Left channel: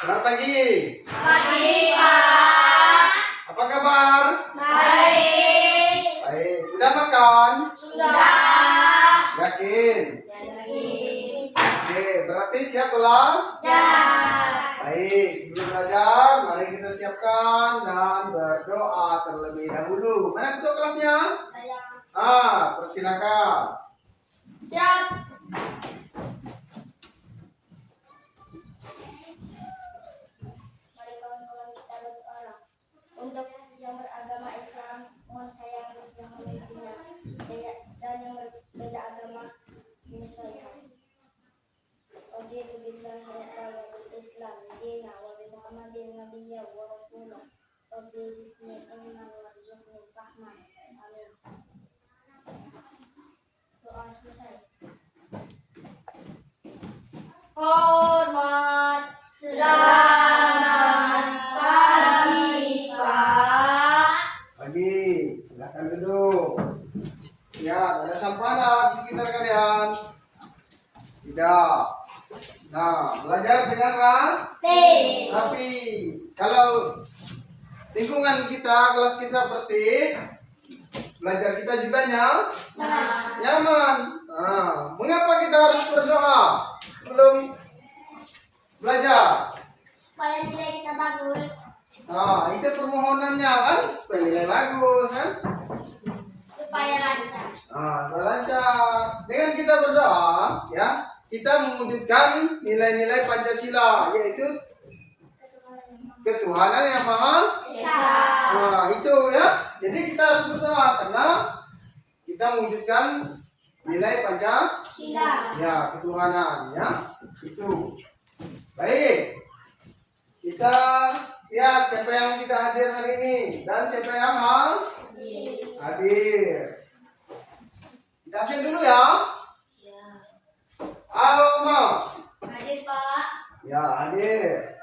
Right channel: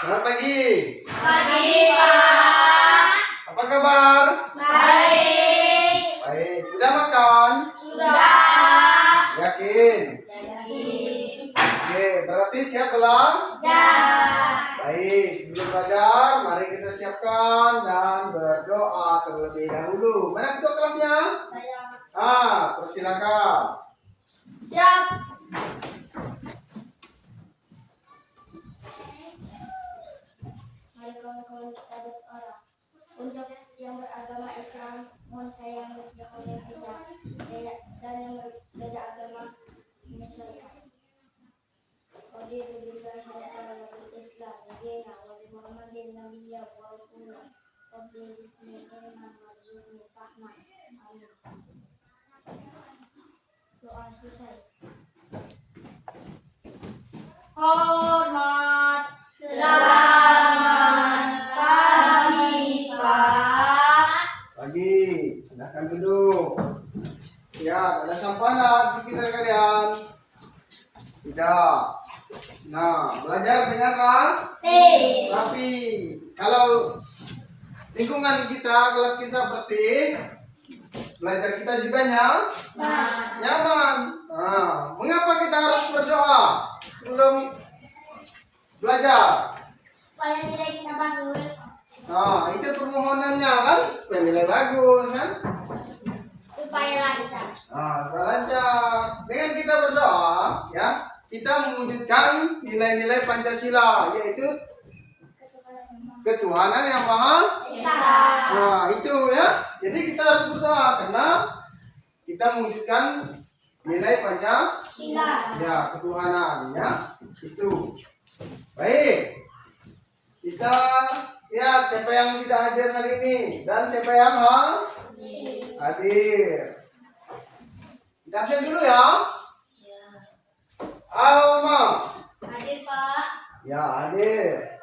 Selamat pagi. Pagi, Pak. Apa kabar? Baik. Baik. Sudah makan? Sudah. Yakin? Yakin. Oke, berarti siap belajar? Ya. Baik, sebelum belajar, mari kita siapkan dan berdoa terlebih dahulu. Mana ketua kelasnya? Saya. Persilakan. Siap. Mari kawan-kawan kita berdoa. Untuk yang beragama Islam, mohon sayang yang memimpinnya, dan yang berbeda agama menyesuaikan. Raditu billahi wa Islam dina wa bi Muhammadin nabiyya wa rasulah. Rabbi zidni ilman warzuqni fahman. Amin. Doa selesai. Hormat. Selamat pagi, Pak. Pagi, silahkan duduk. Ya, ada sampah di sekitar kalian? Tidak. Nah, belajar dengan rapi. Kalau lingkungan kita, kelas kita bersih, belajar kita juga nyaman. Nah, mengapa kita harus berdoa sebelum belajar? Supaya nilai kita bagus. Nah, itu permohonannya kan, supaya nilai bagus kan? Supaya lancar. Nah, supaya lancar. Dengan kita berdoa, ya, kita mewujudkan nilai-nilai Pancasila, yaitu ketuhanan yang maha. Esa. Nah, itu ya. Jadi kita harus berdoa karena kita mewujudkan nilai Sila. ya, ketuhanan ya. Itu. Baik. Kita lihat siapa yang tidak hadir hari ini dan siapa yang hadir. Kita absen dulu ya. Ya. Alma. Hadir, Pak. Ya, hadir.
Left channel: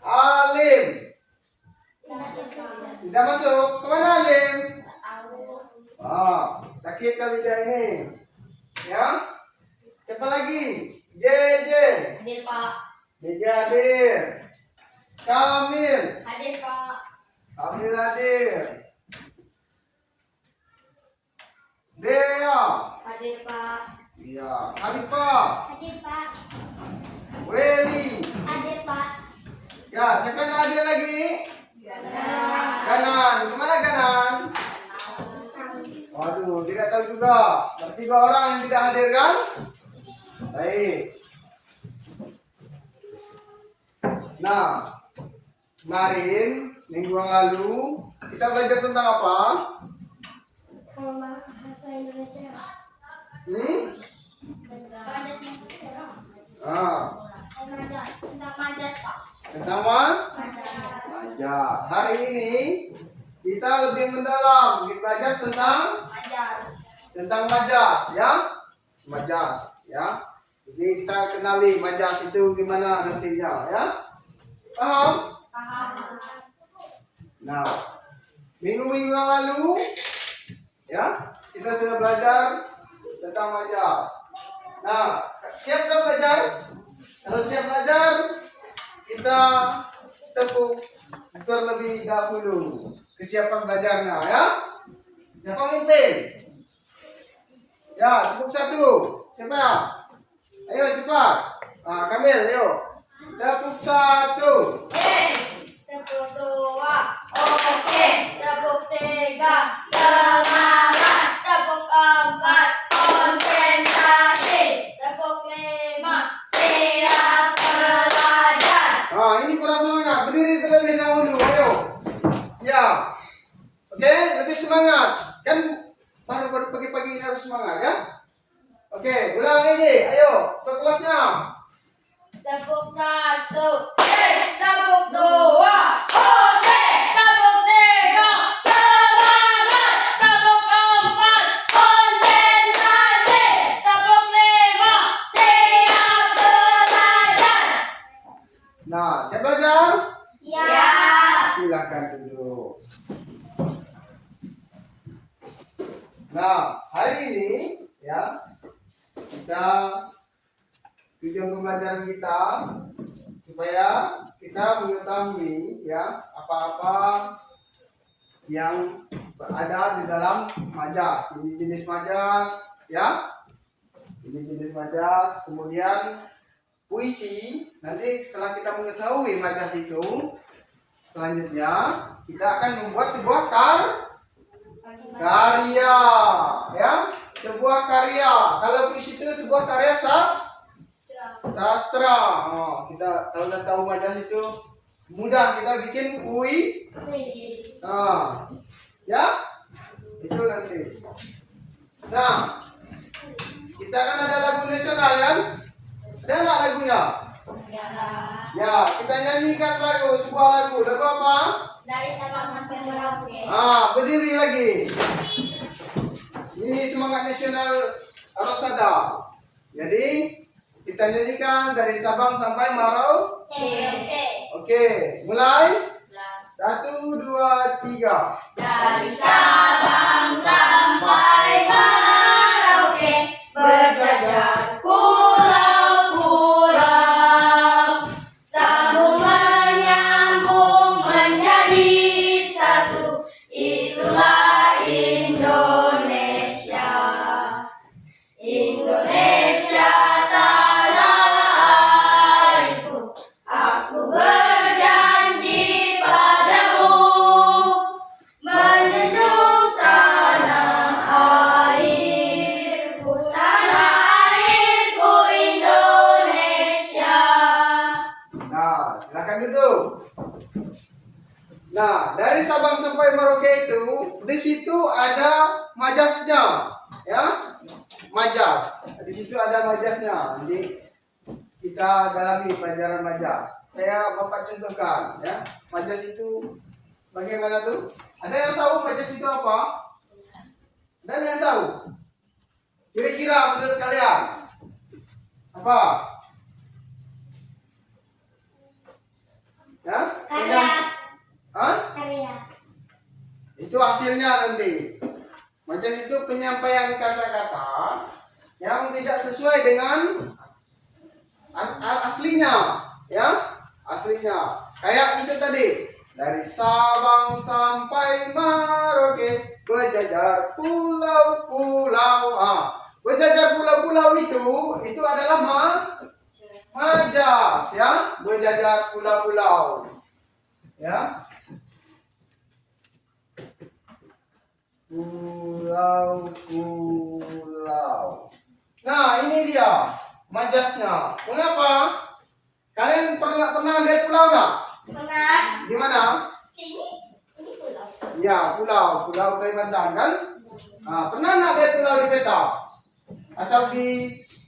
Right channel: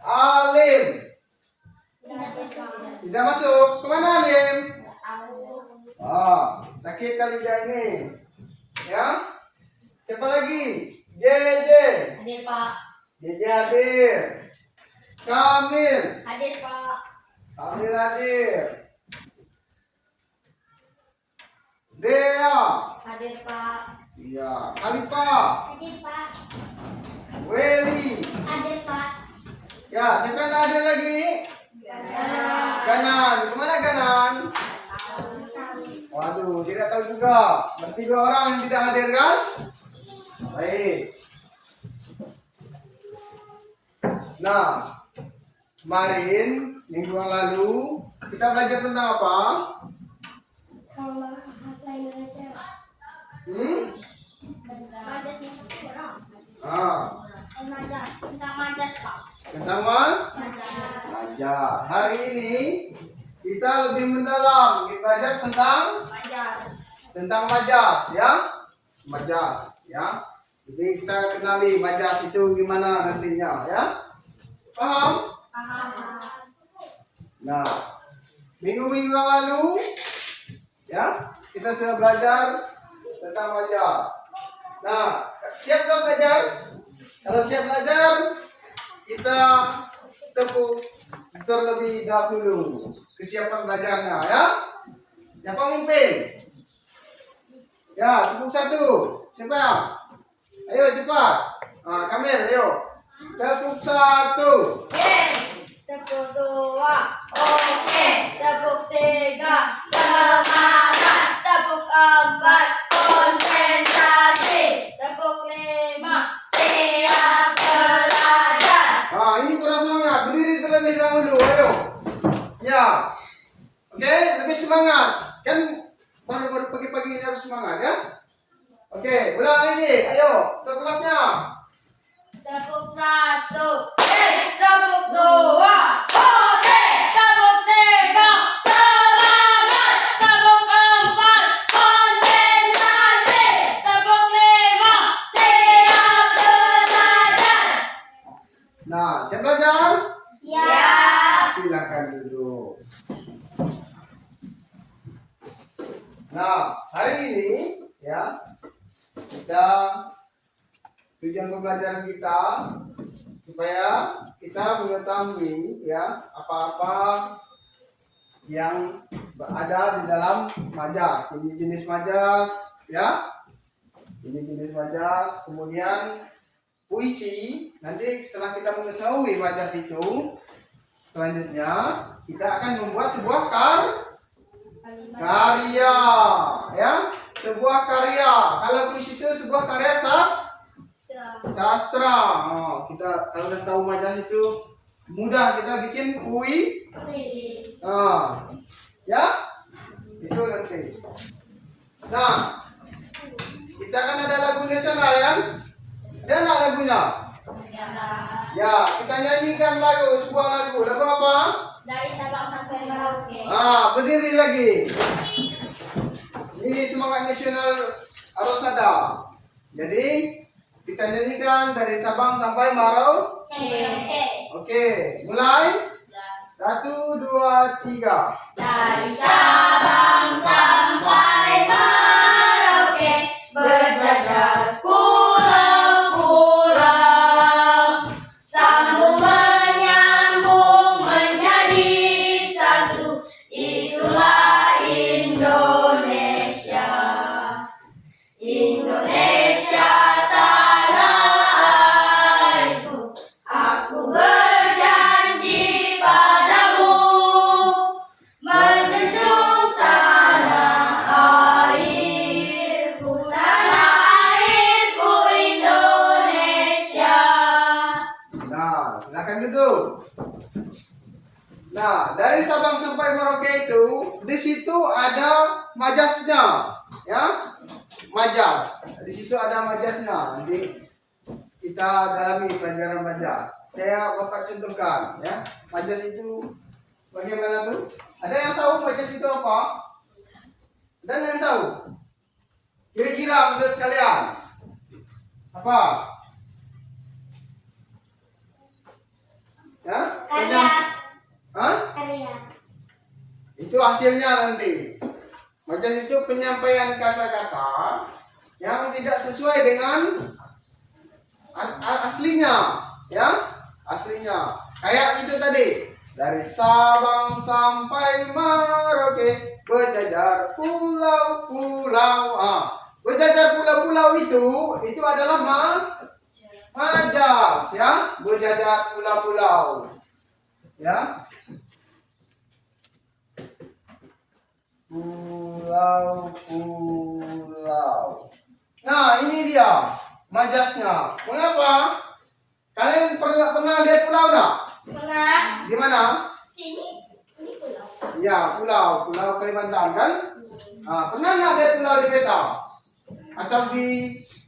Alim. Tidak masuk. Kemana Alim? Sakit kali dia ini. Ya. Siapa lagi? JJ. Hadir, Pak. JJ hadir. Kamil. Hadir, Pak. Kamil hadir. Dea. Hadir, Pak. Iya. Hanifa. Hadir, Pak. Weli. Hadir, Pak. Ya, siapa yang hadir lagi? Ganan. Kemana Ganan? Waduh, tidak tahu juga. Berarti 2 orang yang tidak hadir kan? Baik. Nah, kemarin minggu yang lalu kita belajar tentang apa? Bahasa Indonesia. Majas. Tentang majas, Pak. Tentang Majas. majas. Hari ini kita lebih mendalam. Kita belajar tentang majas, ya. Majas, ya. Jadi kita kenali majas itu gimana nantinya, ya. Paham? Paham. Nah, minggu-minggu yang lalu, ya, kita sudah belajar tentang majas. Nah, siap kan belajar? Kalau siap belajar, kita tepuk terlebih dahulu kesiapan belajarnya, ya. Siapa mimpin? Ya, tepuk 1. Siapa? Ayo cepat. Kamil, ayo. Tepuk 1. Tepuk 2. Oke. Tepuk 3. Semangat. Tepuk 4. Konsentrasi. Tepuk 5. Siap belajar. Ini kurang semangat. Berdiri terlebih dahulu. Ayo. Ya. Oke, lebih semangat. Kan baru pagi-pagi ini harus semangat, ya. Oke, ulang ini. Ayo, ke kelasnya. Tepuk 1. Tepuk 2. Oke. Tepuk 3. Semangat. Tepuk 4. Konsentrasi. Tepuk 5. Siap belajar. Nah, siap belajar? Ya. Silakan duduk. Nah, hari ini ya kita tujuan pembelajaran kita supaya kita mengetahui ya apa-apa yang ada di dalam majas. Ini jenis majas, ya. Ini jenis majas. Kemudian puisi. Nanti setelah kita mengetahui majas itu, selanjutnya kita akan membuat sebuah karya, ya. Sebuah karya. Kalau puisi itu sebuah karya sastra. Oh, kita kalau kita tahu majas itu mudah kita bikin Puisi. ya, itu nanti. Nah, kita kan ada lagu nasional ya, ada nggak lagunya? Ya, kita nyanyikan sebuah lagu apa? Dari Sabang sampai Merauke. Berdiri lagi. Ini semangat nasional Arosada. Jadi kita nyanyikan dari Sabang sampai Merauke. Oke, mulai. 1, 2, 3. Dari Sabang sampai Merauke, berjajar pulau-pulau, sambung menyambung menjadi satu, itulah Indonesia. Indonesia tanah airku, aku berjanji padamu, menjunjung tanah airku Indonesia. Nah, silakan duduk. Nah, dari Sabang sampai Merauke itu, di situ ada majasnya, ya, majas. Di situ ada majasnya. Nanti kita dalami pelajaran majas. Saya bapak contohkan, ya. Majas itu bagaimana tuh? Ada yang tahu majas itu apa? Ada yang tahu? Kira-kira menurut kalian apa? Ya? Karya. Itu hasilnya nanti. Majas itu penyampaian kata-kata yang tidak sesuai dengan aslinya, ya, aslinya. Kayak itu tadi, dari Sabang sampai Merauke, berjajar pulau-pulau. Berjajar pulau-pulau itu adalah majas, ya, berjajar pulau-pulau, ya. Pulau-pulau. Nah, ini dia majasnya. Mengapa? Kalian pernah lihat pulau nggak? Pernah. Di mana? Sini. Ini pulau. Ya, pulau Kalimantan kan? Pernah nggak lihat pulau di peta? Atau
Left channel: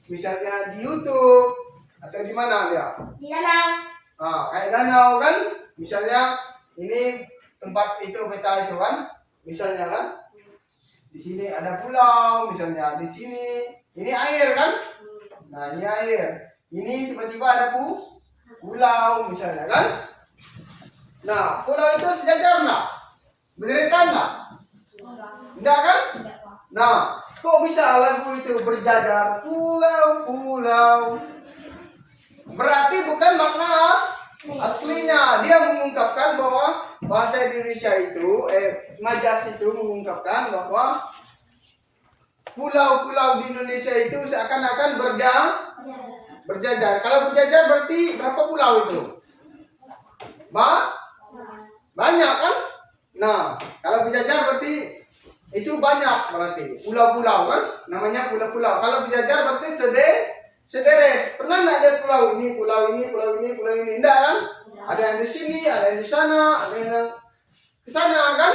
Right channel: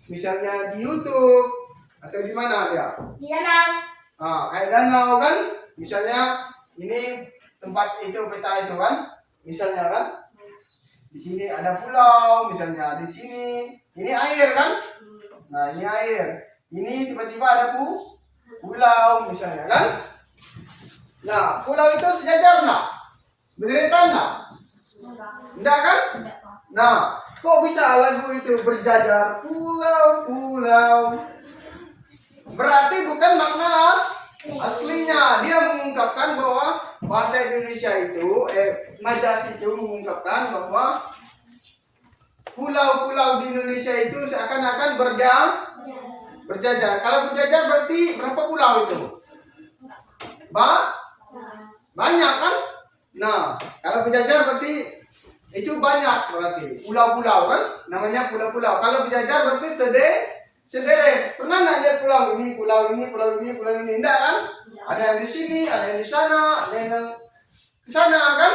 misalnya di YouTube atau di mana dia? Di danau. Kayak danau kan? Misalnya ini tempat itu peta itu kan? Misalnya kan? Di sini ada pulau, misalnya di sini ini air kan? Nah, ini air. Ini tiba-tiba ada pulau misalnya kan? Nah, pulau itu sejajar enggak? Berderitan enggak? Enggak kan? Nah, kok bisa lagu itu berjajar pulau-pulau? Berarti bukan makna aslinya. Dia mengungkapkan bahwa bahasa Indonesia itu, majas itu mengungkapkan bahwa pulau-pulau di Indonesia itu seakan-akan berjajar. Kalau berjajar berarti berapa pulau itu? Banyak kan? Nah, kalau berjajar berarti itu banyak berarti. Pulau-pulau kan? Namanya pulau-pulau. Kalau berjajar berarti sederet. Pernah nggak lihat pulau ini, pulau ini, pulau ini, pulau ini? Enggak kan? Ada yang di sini, ada yang di sana, ada yang ke sana kan?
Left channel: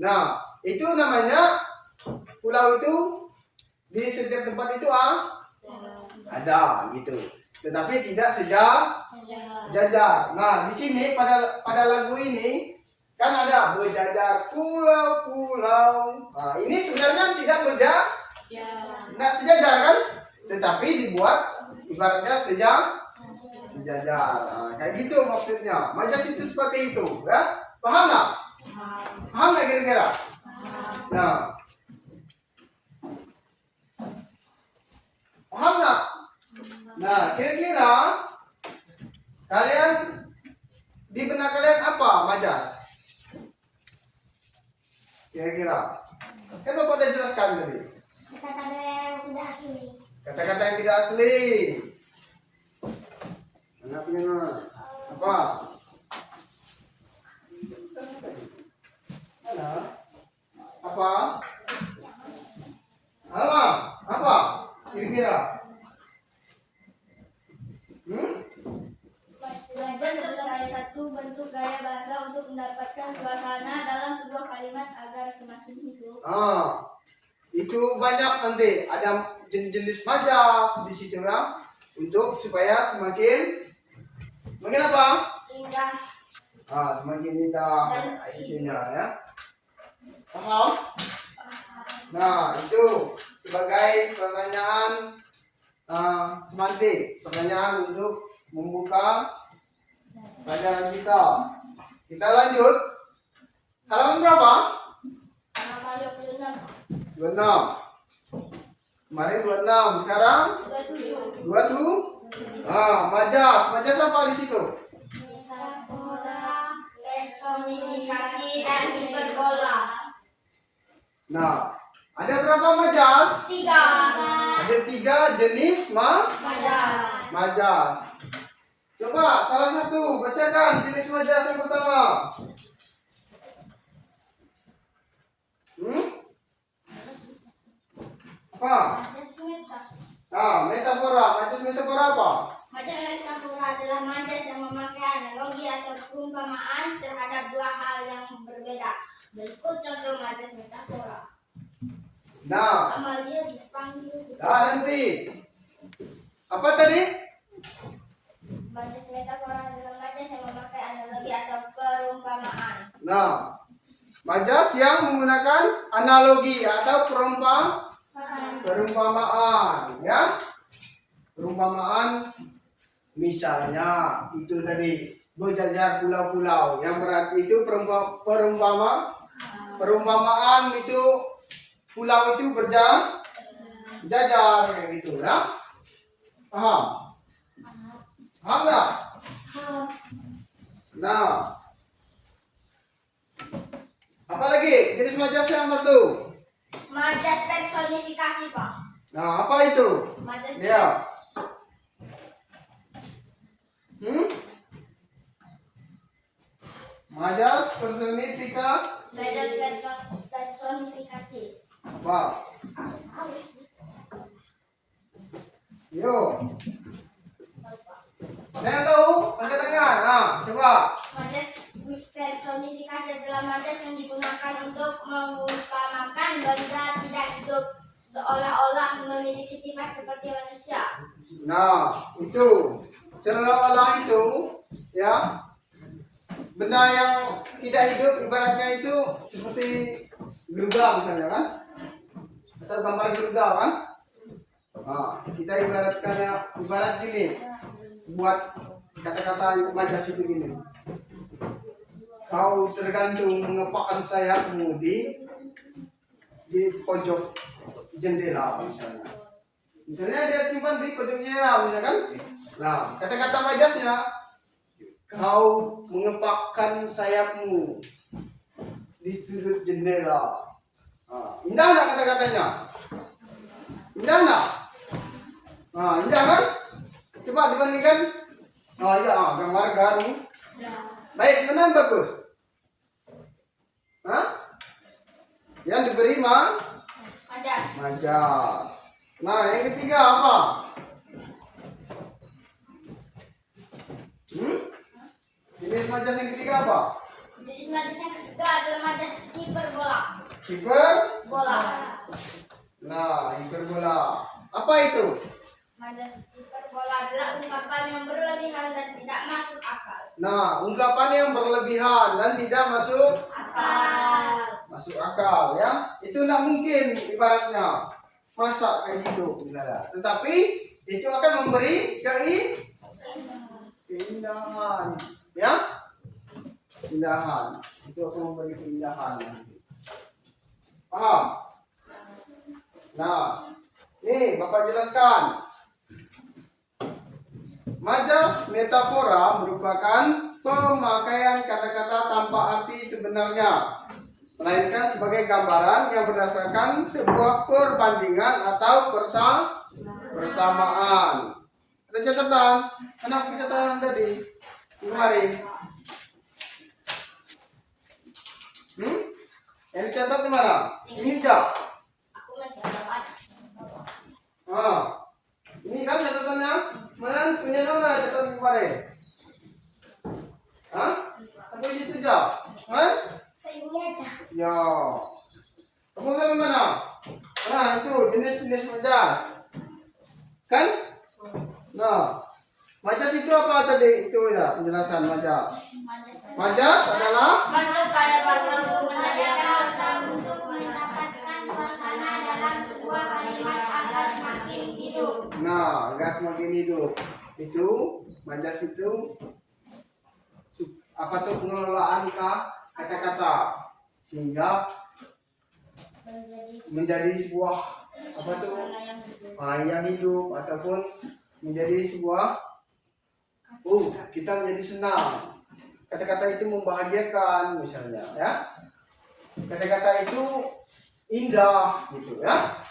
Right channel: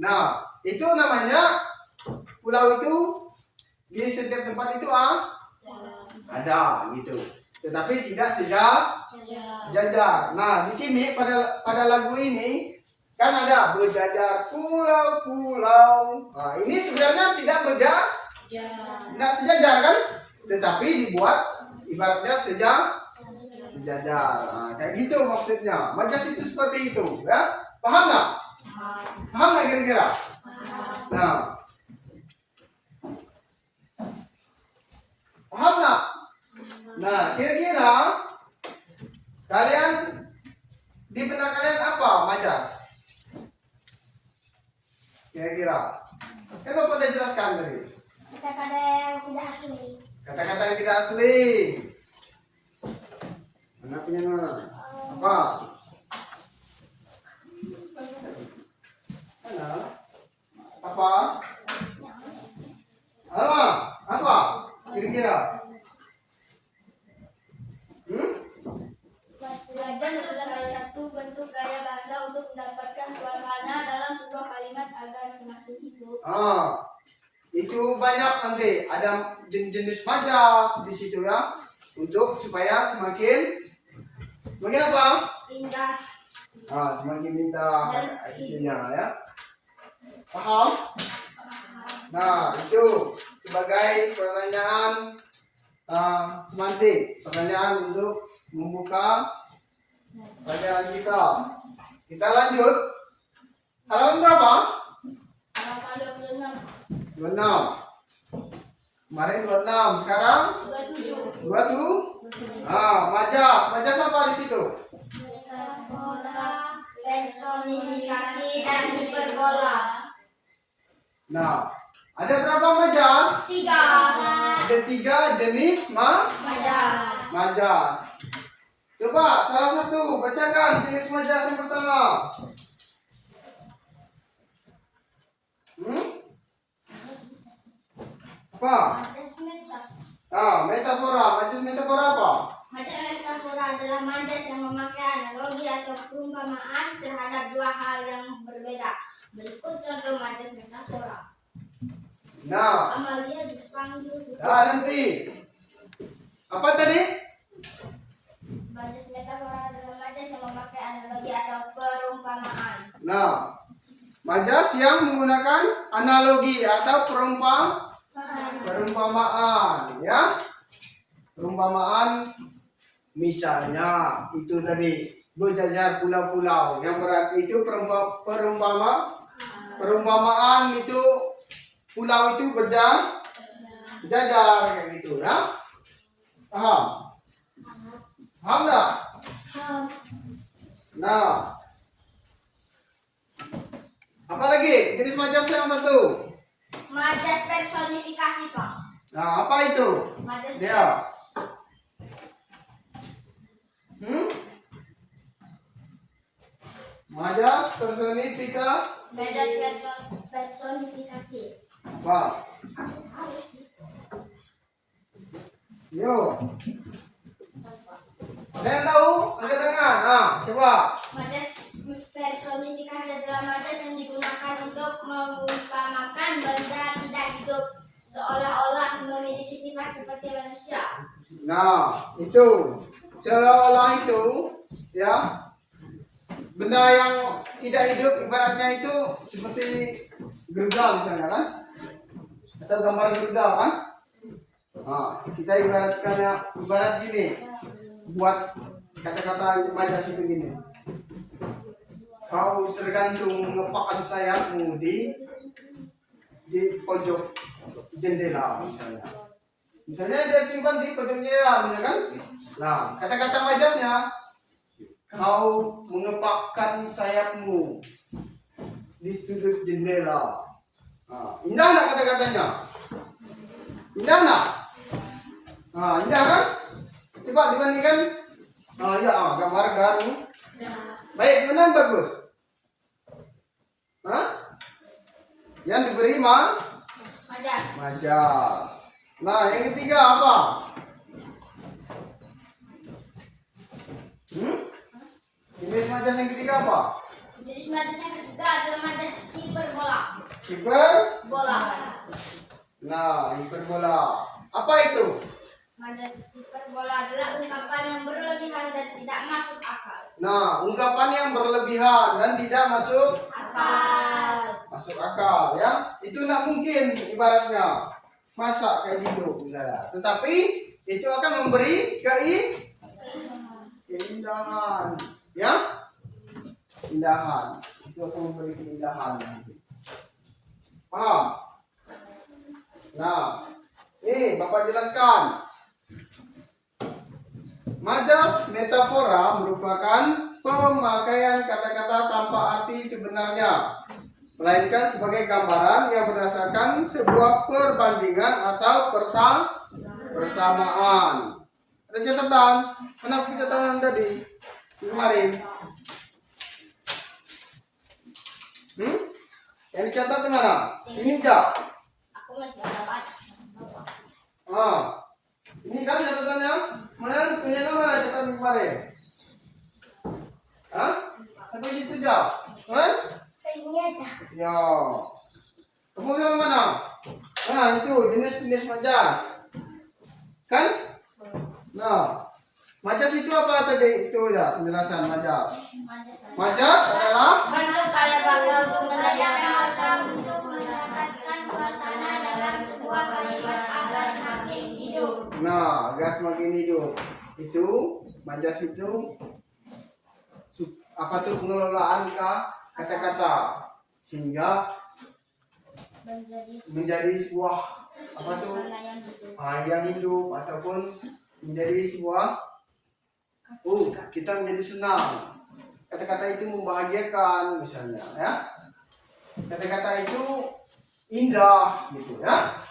Nah, itu namanya pulau itu di setiap tempat itu ada gitu. Tetapi tidak sejajar. Nah, di sini pada lagu ini kan ada berjajar pulau-pulau. Nah, ini sebenarnya tidak sejajar kan? Tetapi dibuat ibaratnya sejajar. Nah, kayak gitu maksudnya. Majas itu seperti itu, ya. Paham nggak? Paham nggak kira-kira? Nah, paham nggak? Nah, kira-kira kalian telinga kalian apa majas? Kira-kira. Kan Bapak udah jelaskan tadi. Kata-kata yang tidak asli. Kata-kata yang tidak asli. Mana punya nama? Apa? Mana? Apa? Halo, apa? Kira-kira? Majas adalah salah satu bentuk gaya bahasa untuk mendapatkan suasana dalam sebuah kalimat agar semakin hidup. Itu banyak nanti ada jenis majas di situ ya, untuk supaya semakin apa? Indah. Semakin indah itunya ya. Paham? Nah, itu sebagai pertanyaan semantik, pertanyaan untuk membuka pelajaran kita. Kita lanjut. Halaman berapa? Halaman 26. 26. Kemarin 26, sekarang 27. 27. Majas. Majas apa di situ? Metafora, personifikasi, dan hiperbola. Nah, ada berapa majas? 3. Ada 3 jenis Majas. majas. Coba salah satu bacakan jenis majas yang pertama. Apa? Majas meta. Metafora. Majas metafora apa? Majas metafora adalah majas yang memakai analogi atau perumpamaan terhadap dua hal yang berbeda. Berikut contoh majas metafora. Nah, Amalia dipanggil. nanti. Apa tadi? Majas metafora adalah majas yang memakai analogi atau perumpamaan. Nah, majas yang menggunakan analogi atau perumpamaan, ya. Perumpamaan misalnya itu tadi berjajar pulau-pulau, yang berarti itu perumpamaan itu pulau itu berjajar kayak gitu ya. Paham? Paham nggak? Nah, apa lagi jenis majas yang satu? Majas personifikasi, Pak. Nah, apa itu? Majas Dia. Majas personifikasi. Apa? Yo. Ada yang tahu? Angkat tangan. Coba. Majas personifikasi adalah majas yang digunakan untuk mengumpamakan benda tidak hidup seolah-olah memiliki sifat seperti manusia. Nah, itu seolah-olah itu ya, benda yang tidak hidup ibaratnya itu seperti Garuda misalnya kan, atau gambar Garuda kan. Kita ibarat gini, buat kata-kata majas itu gini. Kau tergantung mengepakkan sayapmu di pojok jendela misalnya. Misalnya dia simpan di pojok jendela misalkan. Nah, kata-kata majasnya, kau mengepakkan sayapmu di sudut jendela. Indah nggak kata-katanya? Indah nggak? Indah kan? Coba dibandingkan. Gambar garu. Baik, benar bagus. Yang diberi majas. Nah, yang ketiga apa? Jenis majas yang ketiga apa? Jenis majas yang ketiga adalah majas hiperbola. Hiperbola. Nah, hiperbola. Apa itu? Majas hiperbola adalah ungkapan yang berlebihan dan tidak masuk akal. Nah, ungkapan yang berlebihan dan tidak masuk akal ya. Itu tidak mungkin ibaratnya. Masa kayak gitu misalnya. Tetapi itu akan memberi keindahan ya. Indahan. Itu akan memberi keindahan nanti. Paham? Nah, Bapak jelaskan. Majas metafora merupakan pemakaian kata-kata tanpa arti sebenarnya, melainkan sebagai gambaran yang berdasarkan sebuah perbandingan atau persamaan. Ada catatan? Mana catatan tadi? Kemarin. Yang dicatat di mana? Ini Jak. Aku masih ada banyak. Ini kan catatannya. Mana punya nama catatan kemarin? Satu situ Jak. Kan? Ini aja. Ya. Kamu sama mana? Itu jenis-jenis majas. Kan? Nah, majas itu apa tadi? Itu ya penjelasan majas. Majas adalah Bentuk kata bahasa untuk mendapatkan suasana dalam sebuah kalimat agar semakin hidup. Nah, agar semakin hidup. Itu majas itu apa tuh pengelolaan kata-kata sehingga menjadi sebuah apa tuh yang hidup ataupun menjadi sebuah kita menjadi senang. Kata-kata itu membahagiakan misalnya ya. Kata-kata itu indah gitu ya.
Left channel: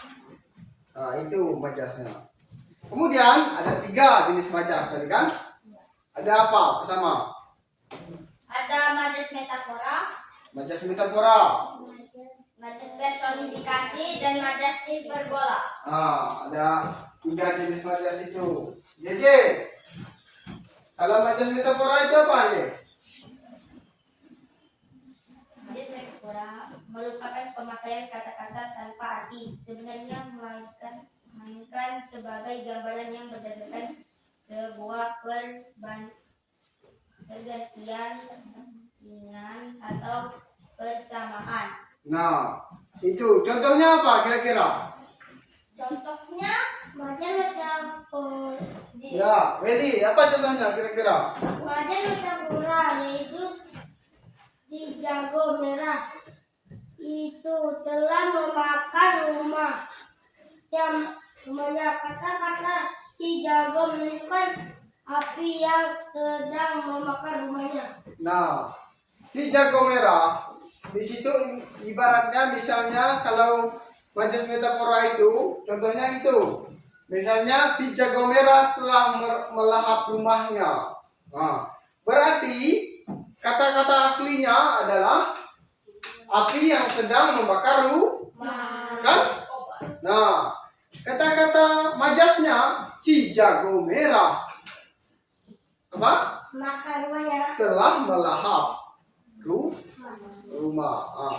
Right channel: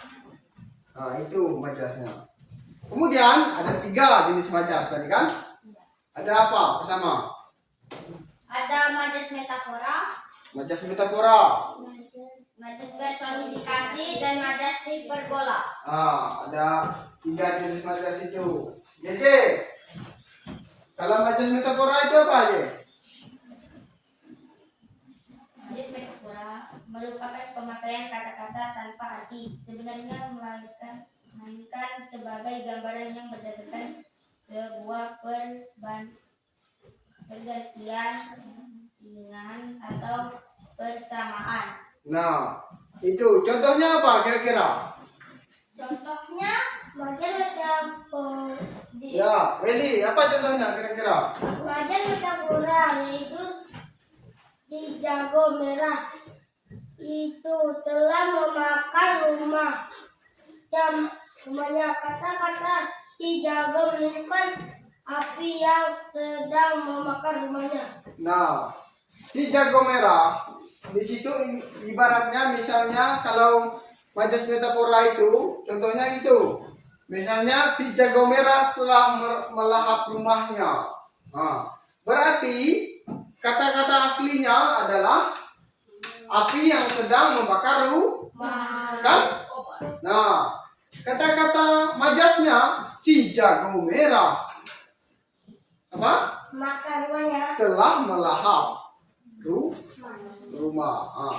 Nah, itu majasnya. Kemudian ada 3 jenis majas tadi kan? Ada apa? Pertama, Ada majas metafora, majas metafora. majas personifikasi, dan majas hiperbola. Ada 3 jenis majas itu. JJ, kalau majas metafora itu apa ya? Majas metafora merupakan pemakaian kata-kata tanpa arti sebenarnya, melainkan sebagai gambaran yang berdasarkan sebuah pergantian atau persamaan. Nah, itu contohnya apa kira-kira? Contohnya majas metafora. Ya, Welly, apa contohnya kira-kira? Majas metafora yaitu si jago merah itu telah memakan rumahnya. Kata-kata si jago menunjukkan api yang sedang memakan rumahnya. Nah, si jago merah di situ ibaratnya misalnya kalau majas metafora itu contohnya itu misalnya si jago merah telah melahap rumahnya. Nah, berarti kata-kata aslinya adalah api yang sedang membakar kan? Nah, kata-kata majasnya si jago merah apa? Makan rumahnya. Telah melahap rumah.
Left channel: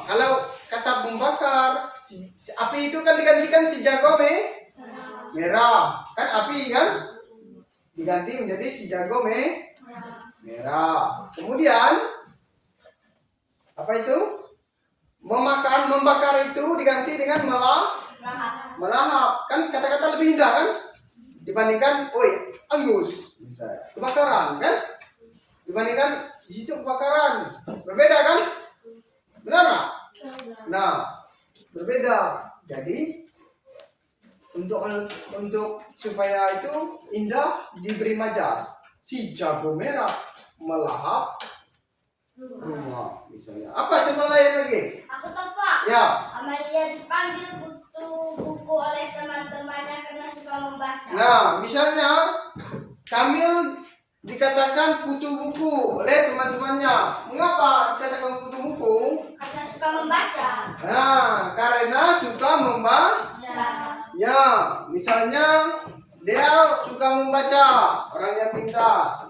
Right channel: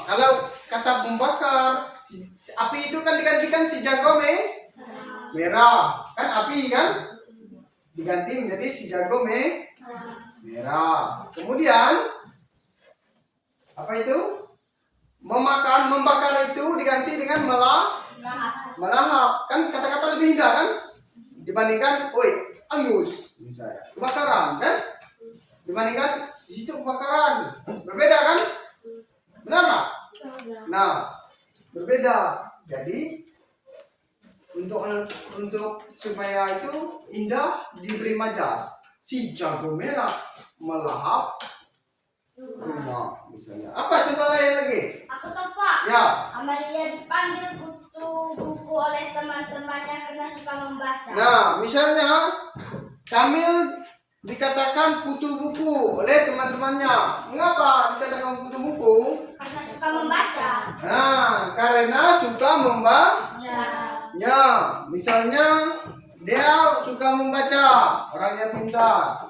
Kalau kata membakar, api itu kan digantikan si jago merah. Kan api kan diganti menjadi si jago merah. Kemudian apa itu? Membakar itu diganti dengan melahap. Kan kata-kata lebih indah kan? Dibandingkan angus misalnya. Kebakaran kan? Dibandingkan di situ kebakaran. Berbeda kan? Benar nggak? Nah, berbeda. Jadi untuk supaya itu indah diberi majas. Si jago merah melahap rumah misalnya. Apa contoh lain lagi? Aku tahu Pak. Ya. Amalia dipanggil kutu buku oleh teman-temannya karena suka membaca. Nah, misalnya Kamil dikatakan kutu buku oleh teman-temannya. Mengapa dikatakan kutu buku? Karena suka membaca. Nah, karena suka membaca. Ya, misalnya dia suka membaca, orang yang pintar.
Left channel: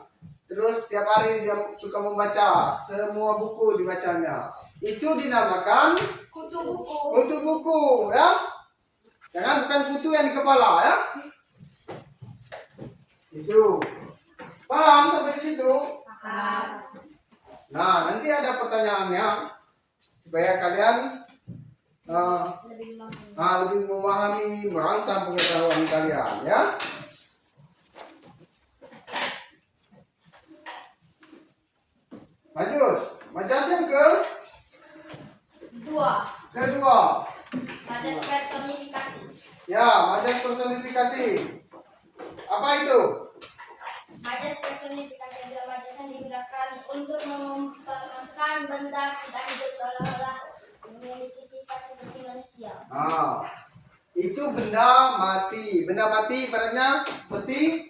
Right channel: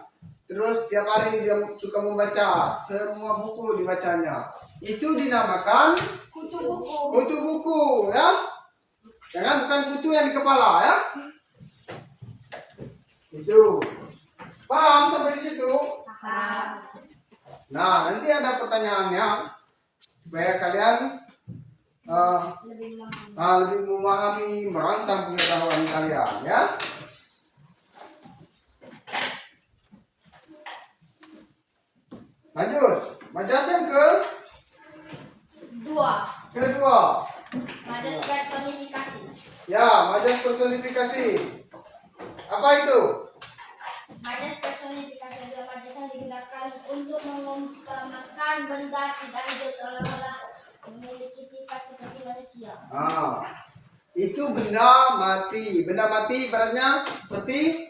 Terus setiap hari dia suka membaca, semua buku dibacanya. Itu dinamakan Kutu buku. kutu buku, ya. Jangan bukan kutu yang di kepala, ya. Itu. Paham sampai di situ? Nah, nanti ada pertanyaannya supaya kalian lebih memahami, merangsang pengetahuan kalian, ya. Lanjut, majas yang kedua. Majas personifikasi. Ya, majas personifikasi. Apa itu? Majas personifikasi personifikasi adalah majas yang digunakan untuk mengumpamakan benda tidak hidup seolah-olah memiliki sifat seperti manusia. Itu benda mati. Benda mati ibaratnya seperti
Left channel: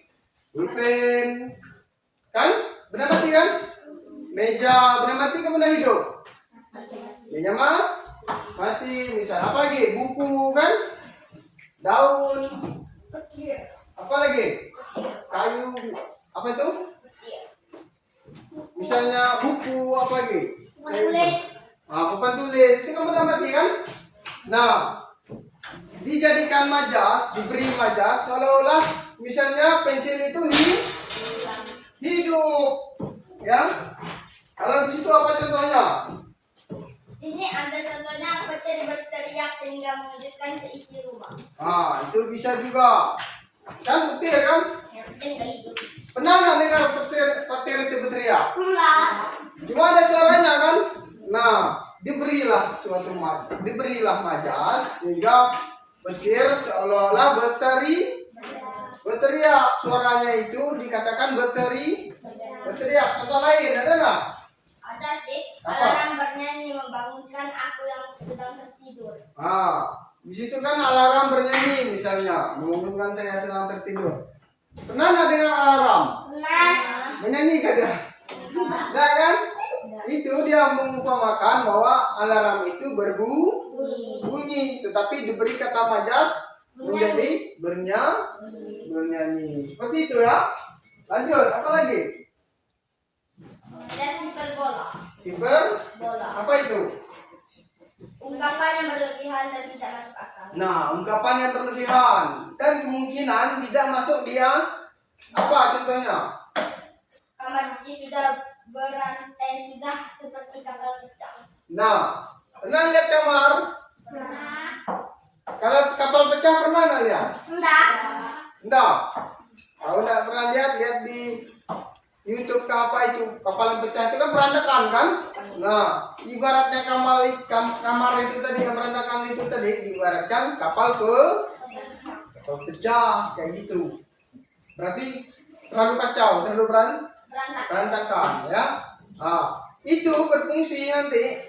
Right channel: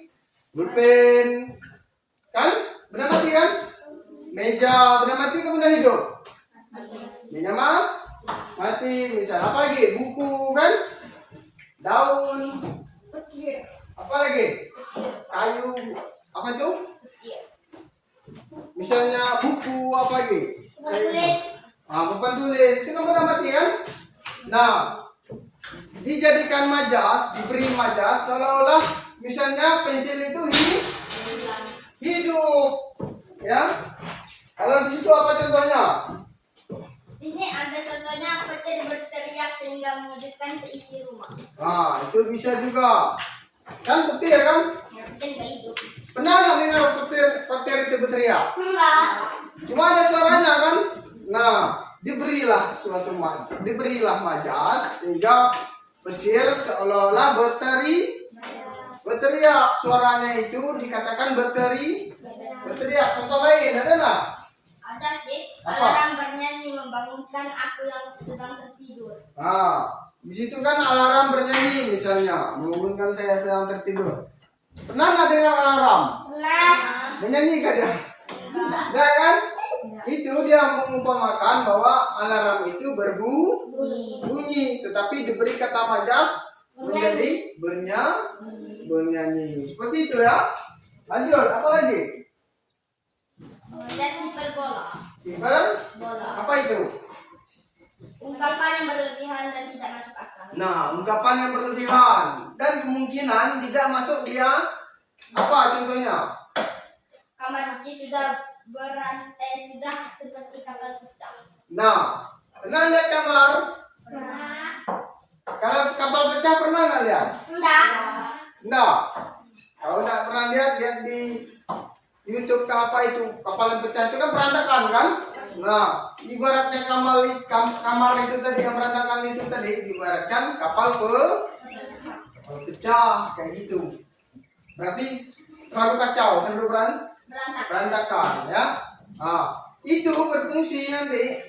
pulpen, kan? Benda mati kan? Meja, benda mati kan benda hidup. Meja mati. Misal apa lagi? Buku kan? Daun. Petir. Apa lagi? Kayu. Apa itu? Petir. Misalnya buku apa lagi? Penulis. Papan tulis. Itu kan benda mati kan? Nah, dijadikan majas, diberi majas seolah-olah misalnya pensil itu hidup, ya. Kalau di situ apa contohnya? Sini ada contohnya petir berteriak sehingga mengejutkan seisi rumah. Itu bisa juga. Kan petir kan? Ya, petir nggak hidup. Pernah nggak dengar petir itu berteriak? Enggak. Cuma ada suaranya kan? Nah, diberilah suatu majas, diberilah majas sehingga petir seolah-olah berteriak. Suaranya itu dikatakan berteriak. Contoh lain ada nggak? Ada sih. Apa? Alarm bernyanyi membangunkan aku yang sedang tertidur. Di situ kan alarm bernyanyi misalnya, membangunkan saya sedang tertidur. Pernah nggak dengar alarm? Nah. Menyanyi kan dia? Enggak. Enggak kan? Itu dia mengumpamakan bahwa alarm itu berbunyi, tetapi diberi kata majas menjadi bernyanyi. Seperti itu ya. Lanjut, apa lagi? Kemudian hiperbola. Bola. Apa itu? Ungkapan yang berlebihan dan tidak masuk akal. Nah, ungkapan yang berlebihan dan kemungkinan tidak masuk dia. Apa contohnya? Kamar Cici sudah berantai sudah seperti kapal pecah. Nah, pernah lihat kamar? Pernah? Kalau kapal pecah pernah nggak lihat? Enggak. Enggak. Kalau enggak pernah lihat di YouTube ke apa itu kapal yang pecah itu kan berantakan kan? Nah, ibaratnya kamar itu tadi yang berantakan itu tadi diibaratkan kapal pecah kayak gitu. Berarti terlalu kacau, terlalu berantakan ya. Itu berfungsi nanti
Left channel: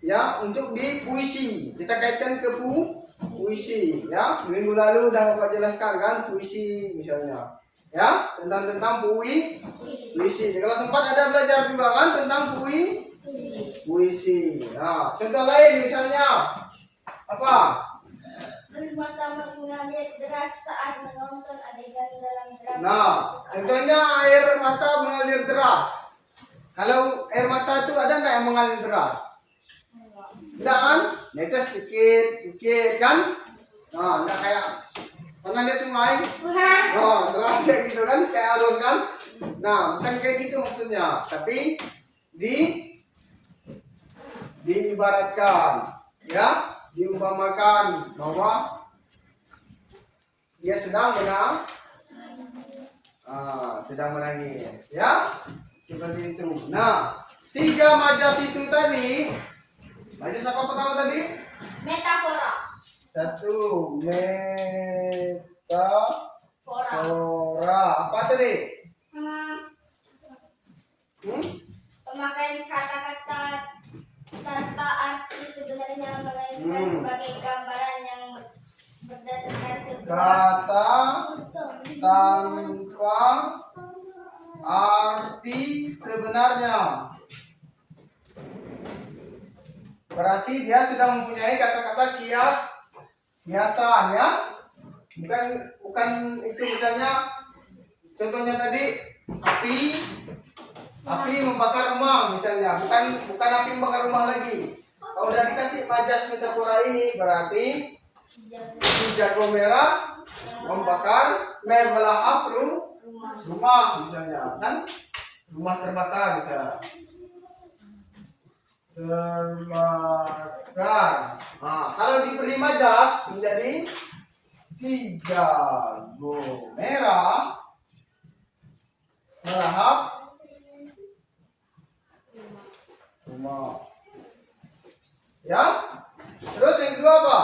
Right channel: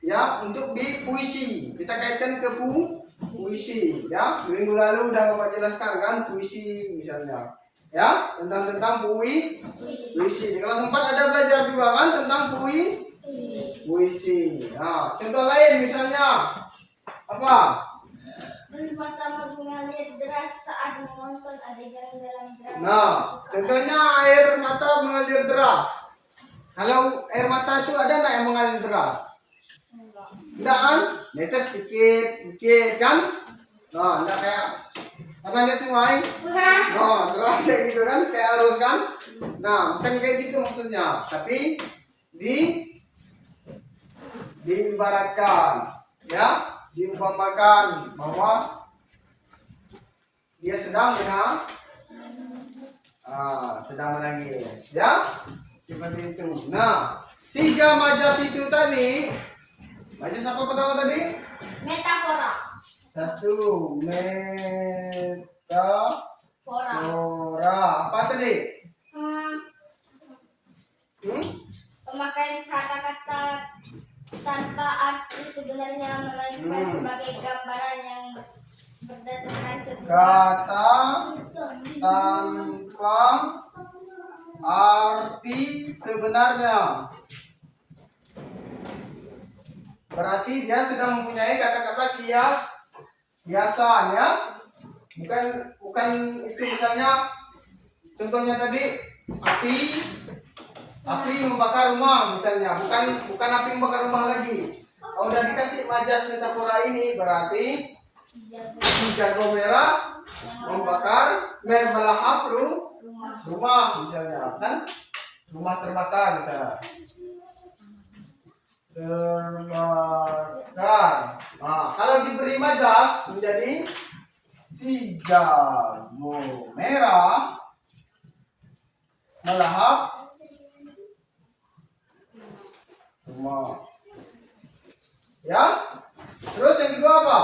ya untuk di puisi. Kita kaitkan ke puisi ya. Minggu lalu udah Bapak jelaskan kan puisi misalnya. Ya, tentang puisi. Di kelas 4 ada belajar juga kan tentang puisi. Nah, contoh lain misalnya apa? Mata mengalir deras saat menonton adegan dalam drama. Nah, contohnya air mata mengalir deras. Kalau air mata itu ada nggak yang mengalir deras? Enggak kan? Netes sedikit kan? Nah, enggak kayak pernah lihat sungai? Nah, deras kayak gitu kan? Kayak arus kan? Nah, bukan kayak gitu maksudnya. Tapi diibaratkan, ya, diumpamakan bahwa dia sedang menangis, ya, seperti itu. Nah, 3 majas itu tadi, majas apa pertama tadi? Metafora. 1 metafora. Apa tadi? Pemakaian kata-kata tanpa arti sebenarnya melainkan sebagai gambaran yang berdasarkan Kata tanpa arti sebenarnya. Berarti dia sudah mempunyai kata-kata kiasan ya. Bukan itu misalnya contohnya tadi api membakar rumah misalnya. Bukan api membakar rumah lagi. Kalau udah dikasih majas metafora ini berarti si jago merah membakar melahap rumah misalnya kan, rumah terbakar misalnya. Terbakar. Nah, kalau diberi majas menjadi si jago merah melahap rumah. Ya? Terus yang kedua apa?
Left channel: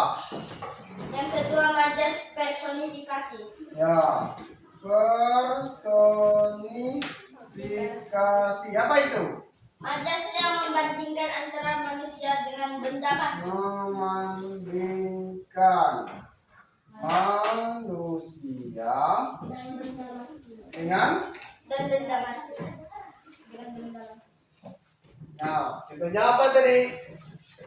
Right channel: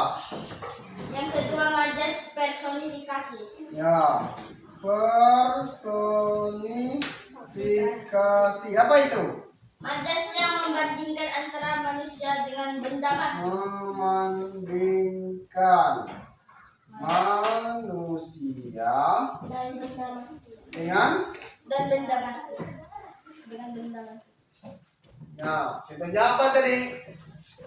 Yang kedua majas personifikasi. Ya. Personifikasi. Apa itu? Majas yang membandingkan antara manusia dengan benda mati. Membandingkan manusia Dan benda mati. dengan Benda mati. Dengan benda mati. nah, contohnya apa tadi?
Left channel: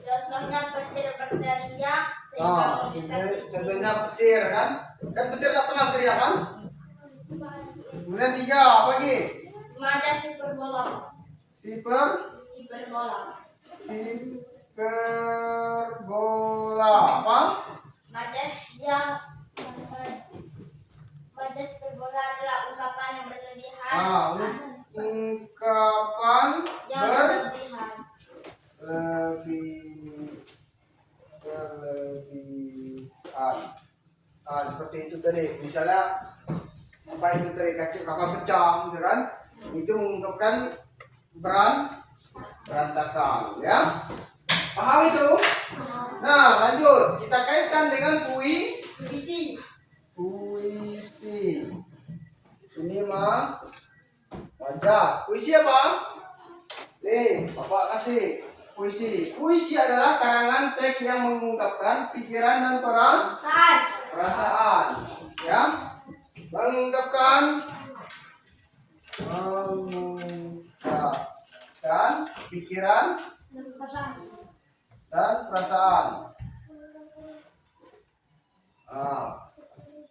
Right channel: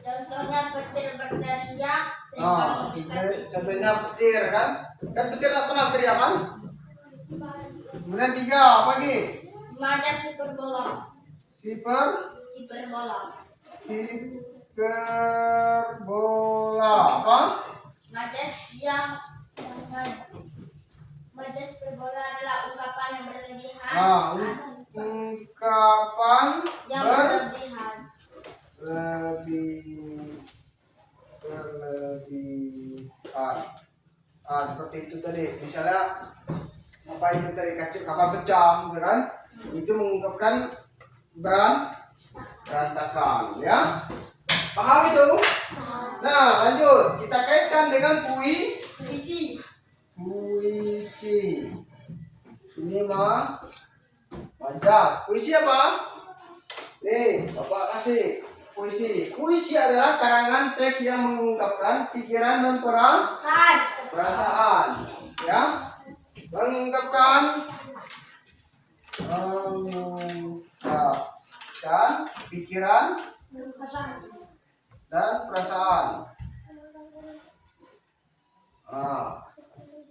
Contohnya petir berteriak sehingga mengejutkan Contohnya petir kan? Kan petir tak pernah teriak kan? Kemudian 3 apa lagi? Majas hiperbola. Hiperbola. Hiperbola apa? Majas hiperbola adalah ungkapan yang berlebihan. Ungkapan Yang berlebihan. berlebihan. Seperti itu tadi. Misalnya apa itu tadi kapal pecah, misalkan itu mengungkapkan berantakan, ya. Paham itu? Nah, lanjut. Kita kaitkan dengan Puisi. puisi. Ini mah majas. Puisi apa? Nih, Bapak kasih puisi. Puisi adalah karangan teks yang mengungkapkan pikiran dan perasaan, ya. Mengungkapkan pikiran dan perasaan.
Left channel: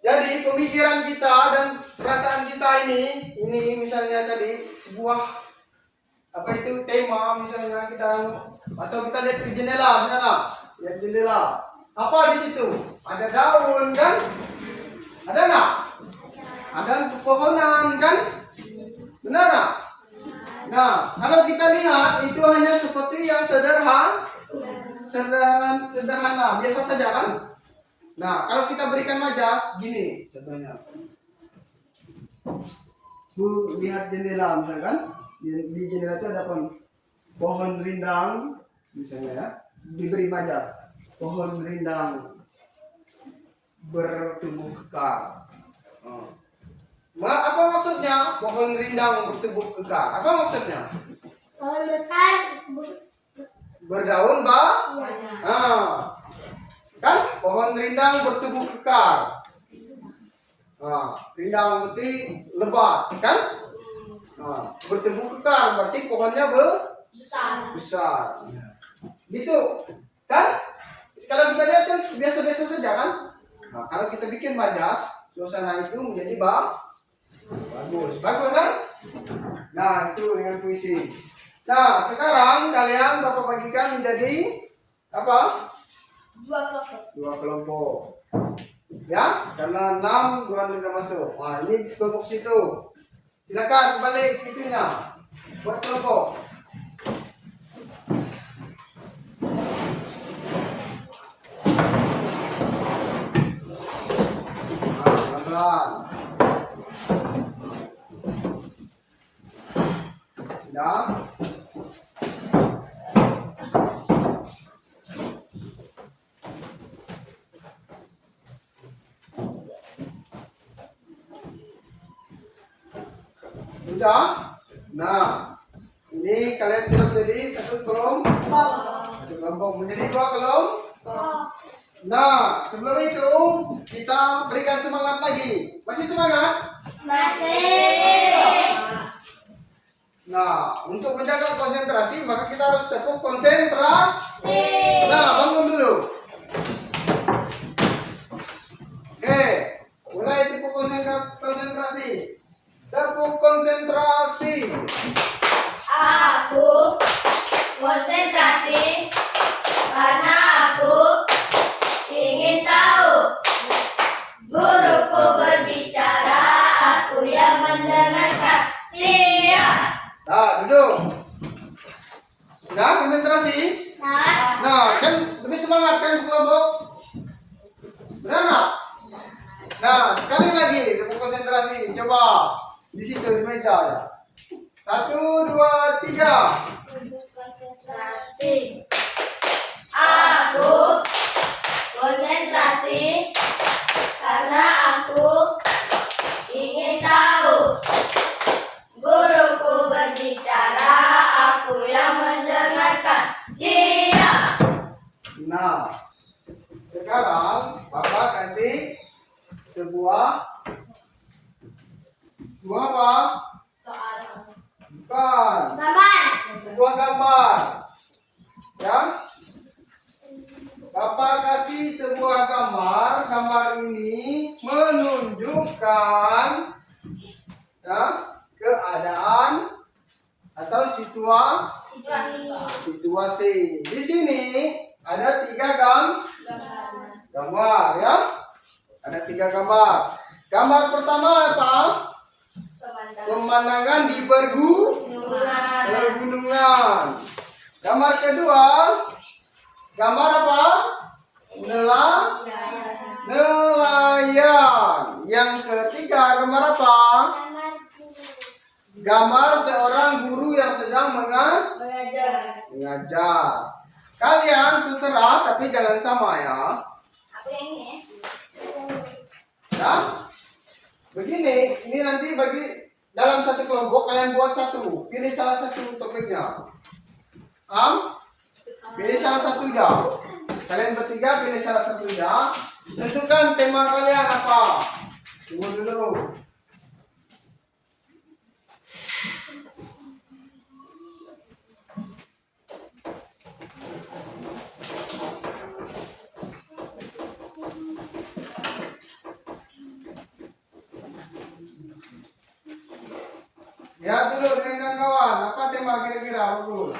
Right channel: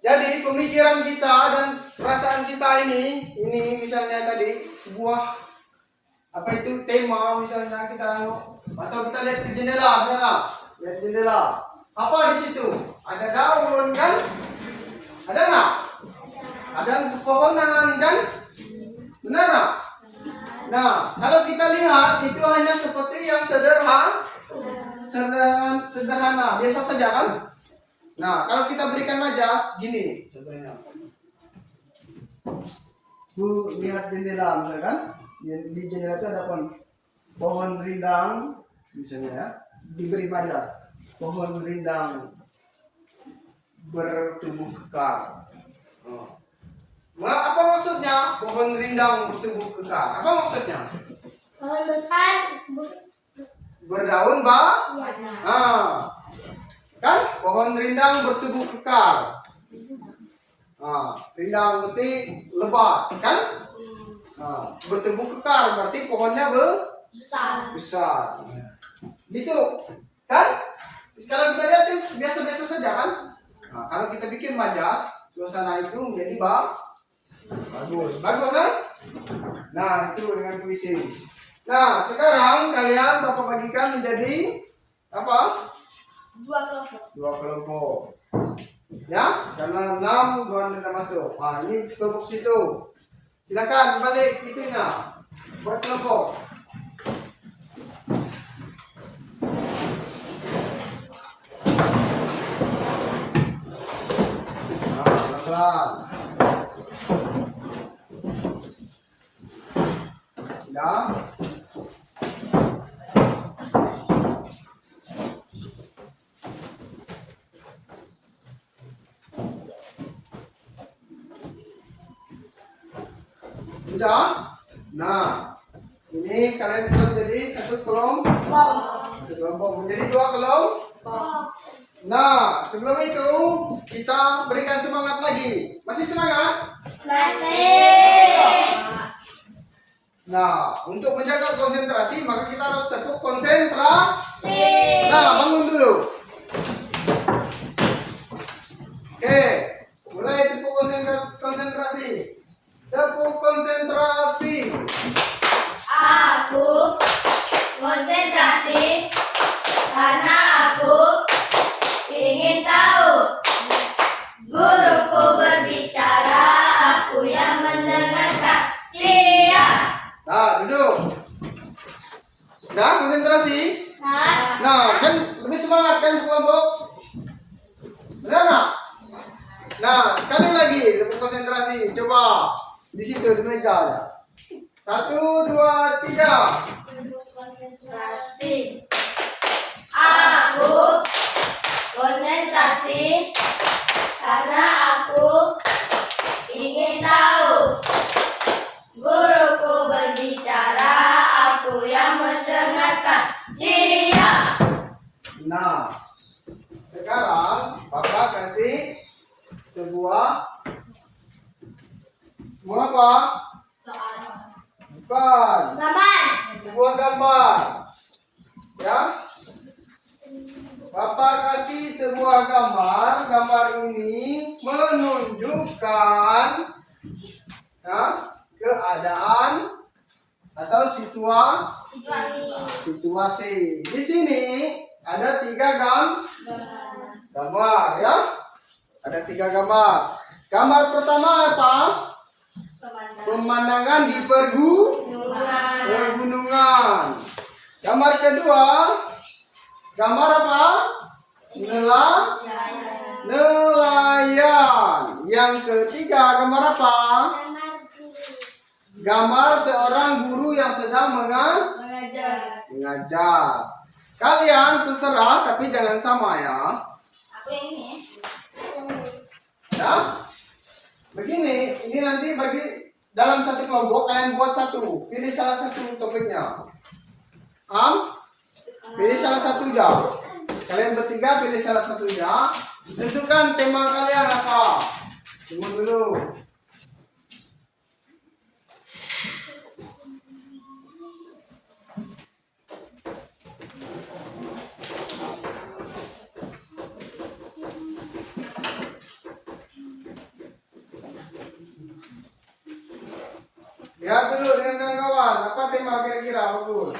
Jadi pemikiran kita dan perasaan kita ini misalnya tadi sebuah apa itu tema, misalnya kita atau kita lihat ke jendela sana, lihat jendela. Apa di situ? Ada daun kan? Ada nggak? Ada pepohonan kan? Benar nggak? Nah, kalau kita lihat itu hanya seperti yang sederhana, biasa saja kan? Nah, kalau kita berikan majas, gini contohnya. Bu, lihat jendela misalkan, di jendela itu ada pohon rindang, misalnya ya, diberi majas. Pohon rindang bertubuh kekar. Apa maksudnya? Pohon rindang bertubuh kekar. Apa maksudnya? Pohon besar Berdaun, kan? Pohon rindang bertubuh kekar. Rindang berarti lebat, kan? Bertubuh kekar berarti pohonnya besar. Gitu, kan? Kalau kita lihat kan biasa-biasa saja kan? Nah, kalau kita bikin majas, suasana itu menjadi bagus kan? Nah, itu dengan puisi. Nah, sekarang kalian Bapak bagikan menjadi apa? 2 kelompok. Ya, karena 6 tidak masuk. Nah, ini kelompok situ. Silakan balik itunya. Buat kelompok. Pelan-pelan. Sudah. Sudah. Nah, ini kalian sudah menjadi satu kelompok, menjadi 2 kelompok. Nah, sebelum itu kita berikan semangat lagi. Masih semangat? Masih. Nah, untuk menjaga konsentrasi maka kita harus tepuk konsentrasi. Si. Nah, bangun dulu. Oke, mulai tepuk konsentrasi. Tepuk konsentrasi. Aku konsentrasi karena aku ingin tahu. Guruku berbicara, aku yang mendengarkan. Siap. Nah, duduk. Udah konsentrasi? Nah, kan lebih semangat kan kelompok? Benar nggak? Nah, sekali lagi tepuk konsentrasi. Coba di situ di meja ya. 1, 2, 3. Konsentrasi. Aku konsentrasi karena aku ingin Sebuah apa? Soal. Bukan. Gambar. Sebuah gambar. Ya. Bapak kasih sebuah gambar. Gambar ini menunjukkan ya, keadaan atau situasi. Di sini ada 3 gambar ya. Ada 3 gambar. Gambar pertama apa? Pemandangan di pergunungan. Gambar kedua, gambar apa? Nelayan. Yang ketiga, gambar apa? Gambar seorang guru yang sedang mengajar. Kalian terserah, tapi jangan sama ya. Aku yang ini. Ya. Begini, ini nanti bagi dalam satu kelompok kalian buat satu. Pilih salah satu topiknya. Pilih salah satu aja. Kalian bertiga pilih salah satu aja. Tentukan tema kalian apa. Tunggu dulu. Lihat dulu dengan kawan-kawan, apa tema kira-kira bagus?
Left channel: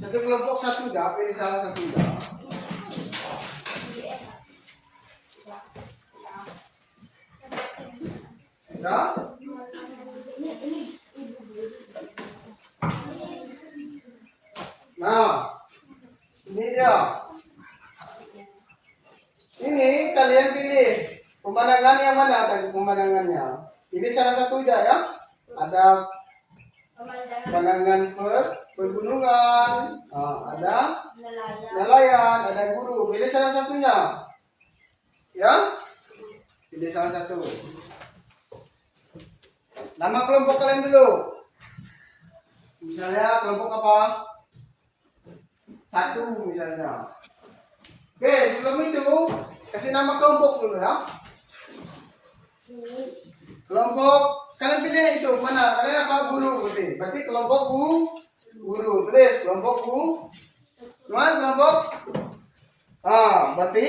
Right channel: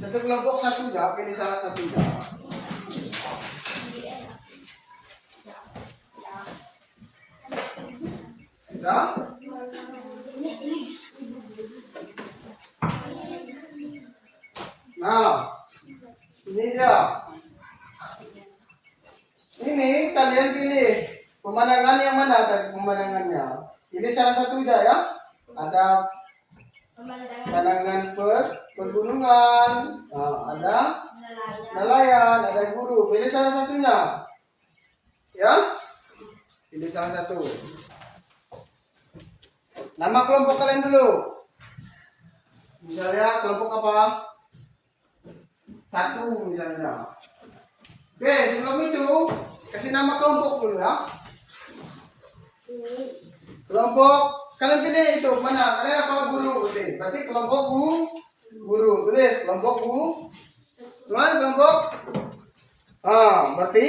Satu kelompok satu aja, pilih salah satu aja. Ya? Nah, ini dia. Ini kalian pilih pemandangan yang mana tadi pemandangannya. Pilih salah satu aja ya. Ada pemandangan pergunungan, ada nelayan, ada guru. Pilih salah satunya. Ya? Pilih salah satu. Nama kelompok kalian dulu. Misalnya kelompok apa? 1 misalnya. Oke, sebelum itu kasih nama kelompok dulu ya. Kelompok kalian pilih itu mana? Kalian apa? Guru. Berarti kelompok guru. Tulis kelompok Mana kelompok? Berarti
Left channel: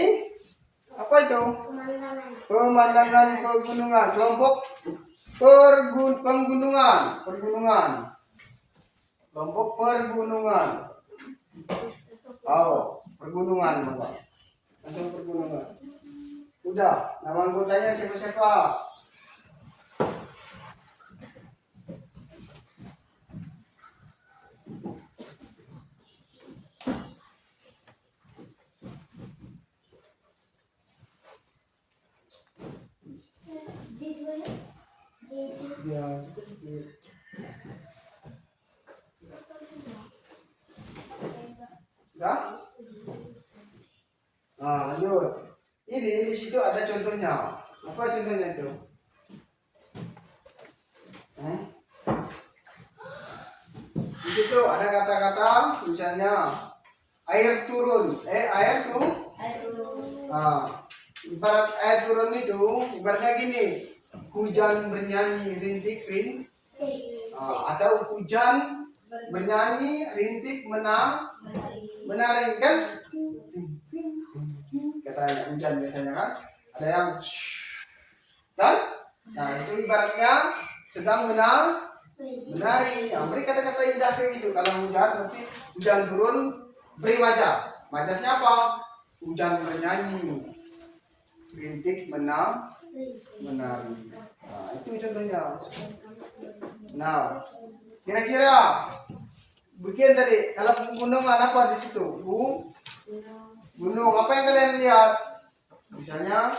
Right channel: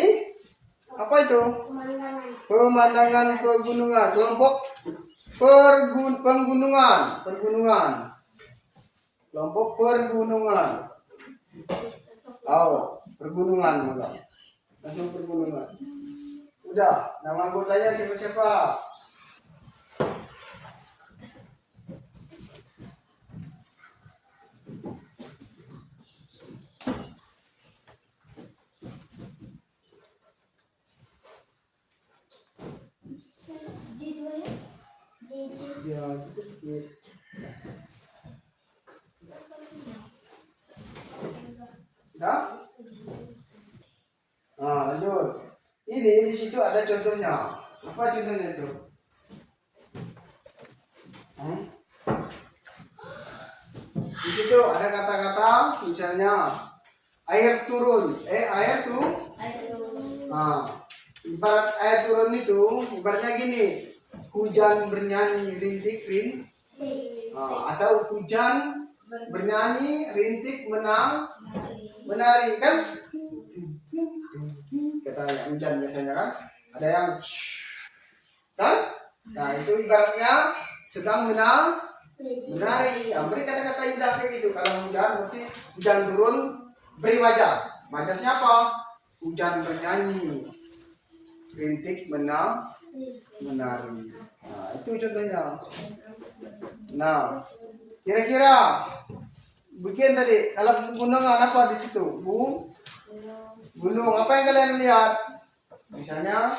apa itu? Pemandangan pegunungan. Kelompok penggunungan. Kelompok pergunungan. Pergunungan maka. Langsung pergunungan. Udah, nama anggotanya siapa-siapa? Ya, udah? Lanjut. Ini di situ ada contohnya. Apa contohnya itu? Di situ ada kata-kata, misalnya air turun. Ibarat air turun itu, ibaratnya gini, hujan bernyanyi rintik atau hujan bernyanyi rintik menari kan? Katanya hujan biasanya kan, ada yang kan? Nah itu ibaratnya sedang menari. Beri kata-kata indah kayak gitu. Kalau hujan berarti hujan turun, beri majas. Majasnya apa? Hujan bernyanyi, rintik menari. Nah itu contohnya. Nah kira-kira bikin tadi kalau pegunungan apa di situ? Gunung. Apa yang kalian lihat? Misalnya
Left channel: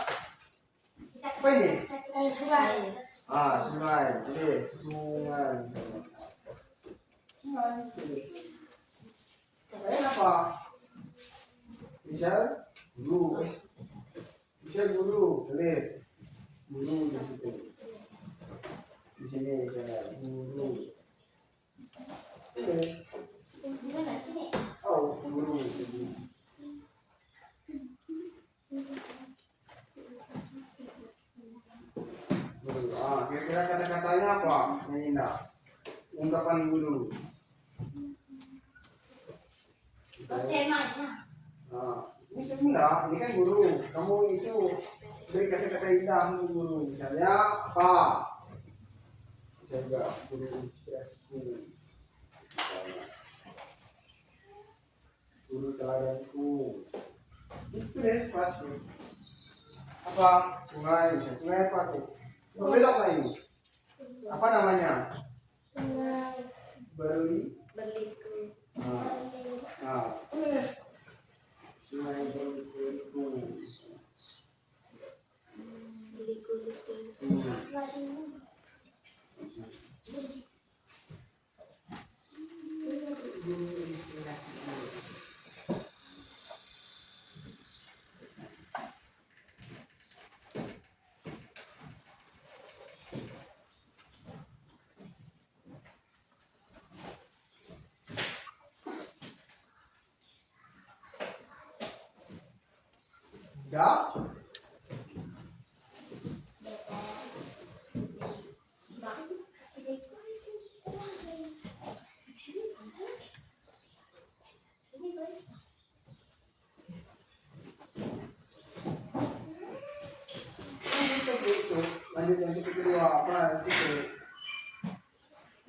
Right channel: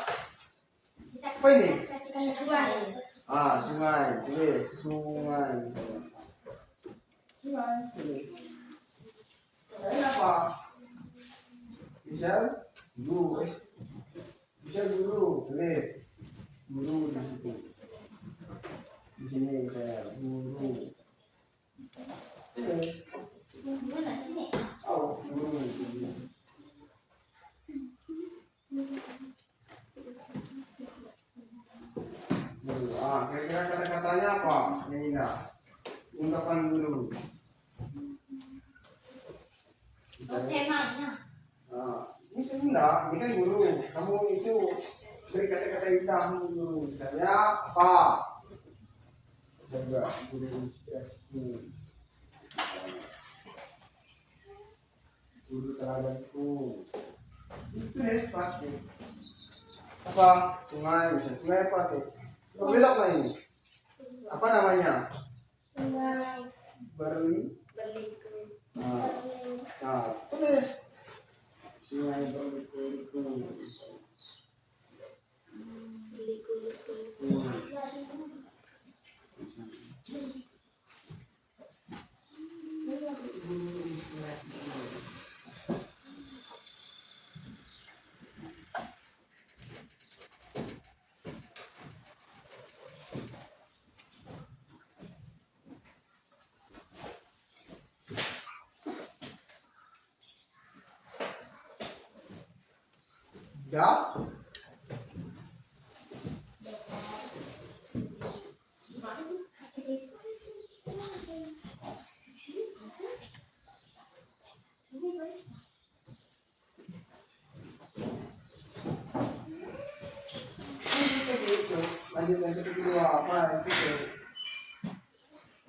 apa ini? Sungai. Tulis sungai. Kalian apa? Misal guru. Tulis guru di situ. sini saya guru. Tulis. Gimana sini? Oh, guru. Guru. Ah, kira-kira kata-katanya apa? Yang indah. Ungkapan guru. Temanya. Ini sebenarnya, ini kan guru. Kamu itu beri kata-kata indah guru. Misalnya apa? Saya juga guru inspirasiku. Guru teladanku. Itu nih pasti. Apa? Sungai, misalnya sungai apa tuh? Berbelok lah ini. Apa namanya? Sungai Berli. berliku. Tulis. Sungai berliku. Berliku. Dah. Lanjut yang kedua apa itu?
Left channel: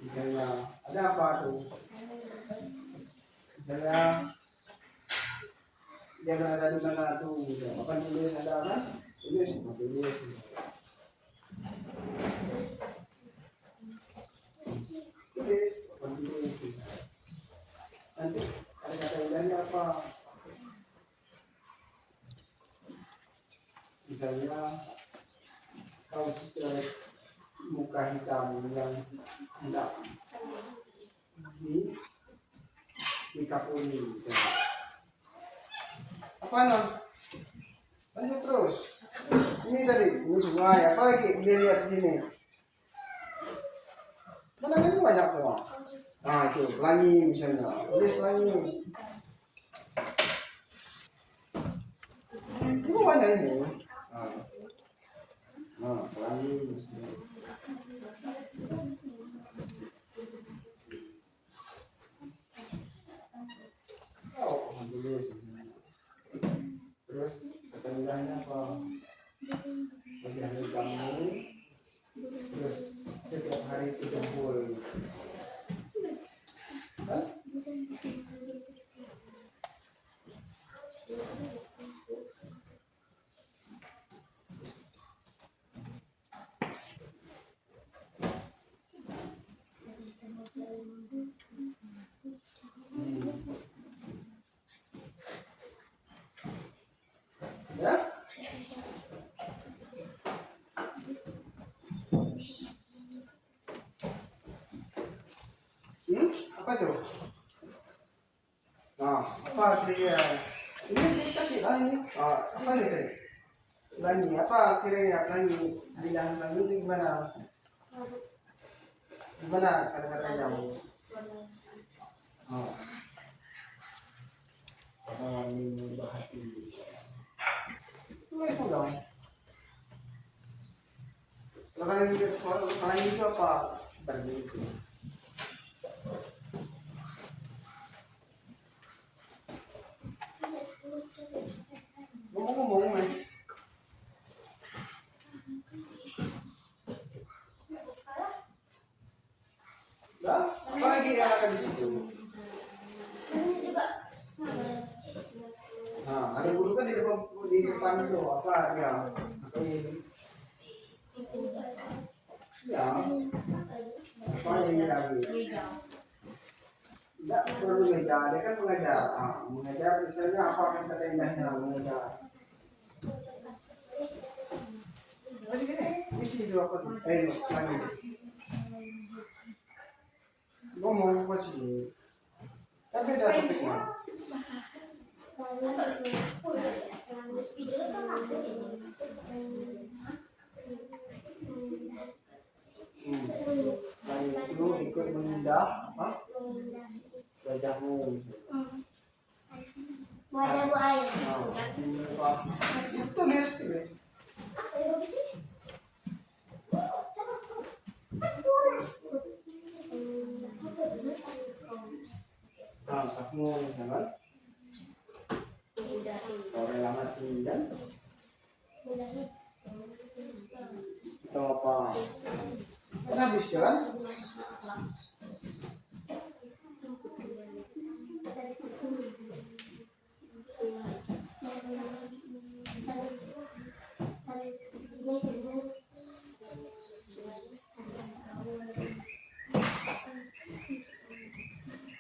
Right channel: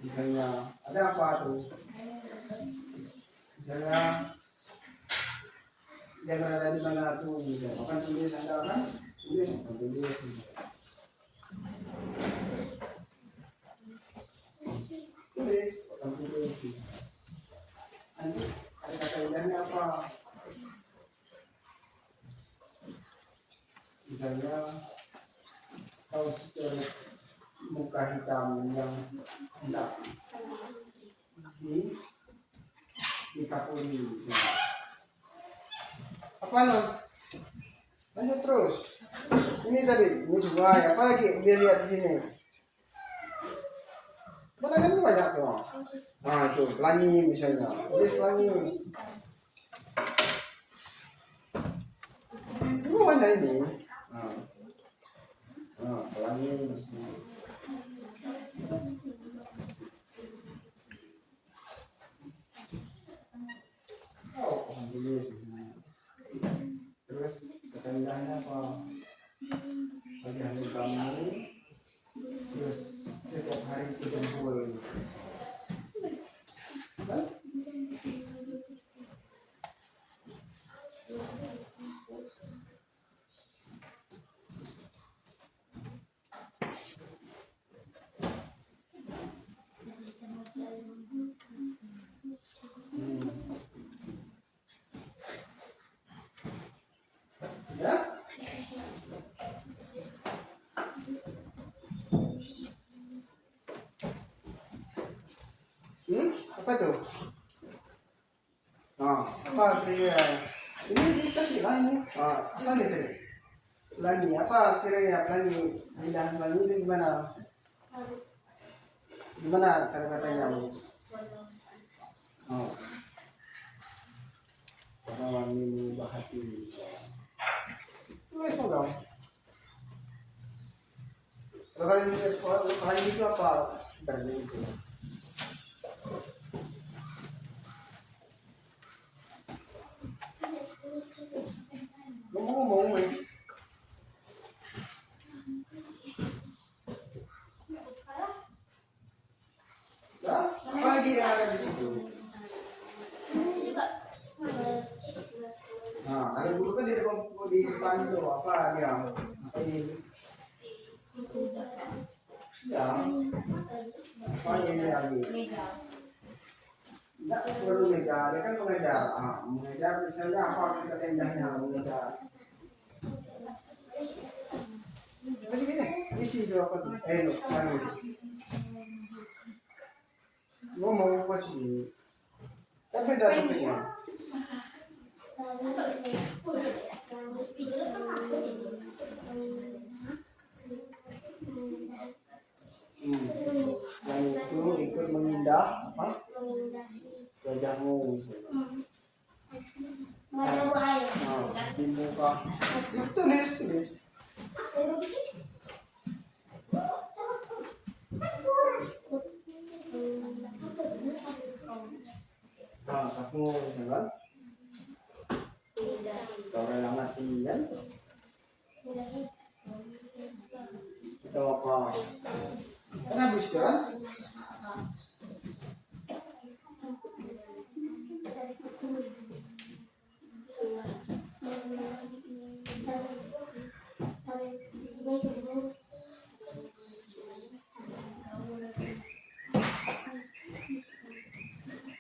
Misalnya ada apa tuh? Misalnya jangan ada di mana tuh? Apa tulis ada kan? Tulis, tulis. Tulis, tulis. Nanti ada kata indahnya apa? Misalnya kau secara muka hitam yang hendak dikapuri misalnya. Apa non? Lanjut terus. Ini tadi, ini sungai. Apa lagi? Dia lihat di sini. Mana kan banyak tuh. Nah itu pelangi misalnya. Tulis pelangi. Ini banyak ini. Pelangi. Oh, tulis. Terus setendahnya apa? Bagi hari kamu. Terus setiap hari kumpul. Kan? Ya? Apa tuh? Apa kira? Ini dikasih lah ini. Apa nih tadi? Pelangi, apa kira-kira pelangi? Bilang pelangi itu gimana? Gimana kata-katanya? Pada wangi bahati. Tulis dong. Kalau kalian itu apa? Berliku. Ngomong-ngomong aja. Nah, apa lagi yang ada di situ? Nah, ada guru kan di depan itu apa dia? Apa ini? Ya, apa ini lagi? Tidak perlu meja, dia kan mengajar. Mengajar misalnya apa kata indahnya mengajar. Masih gini, isi itu apa tuh? Lagi. Ngomong apa sih? Kan beda topiknya. Mengindah apa? Mengindahi. Wajahmu. Wajahmu air. Nah, di muka. Tulis. Ayo di sini. Nah, kamu jangan. Kalau yang mati kan? Itu apa? Kan habis kan?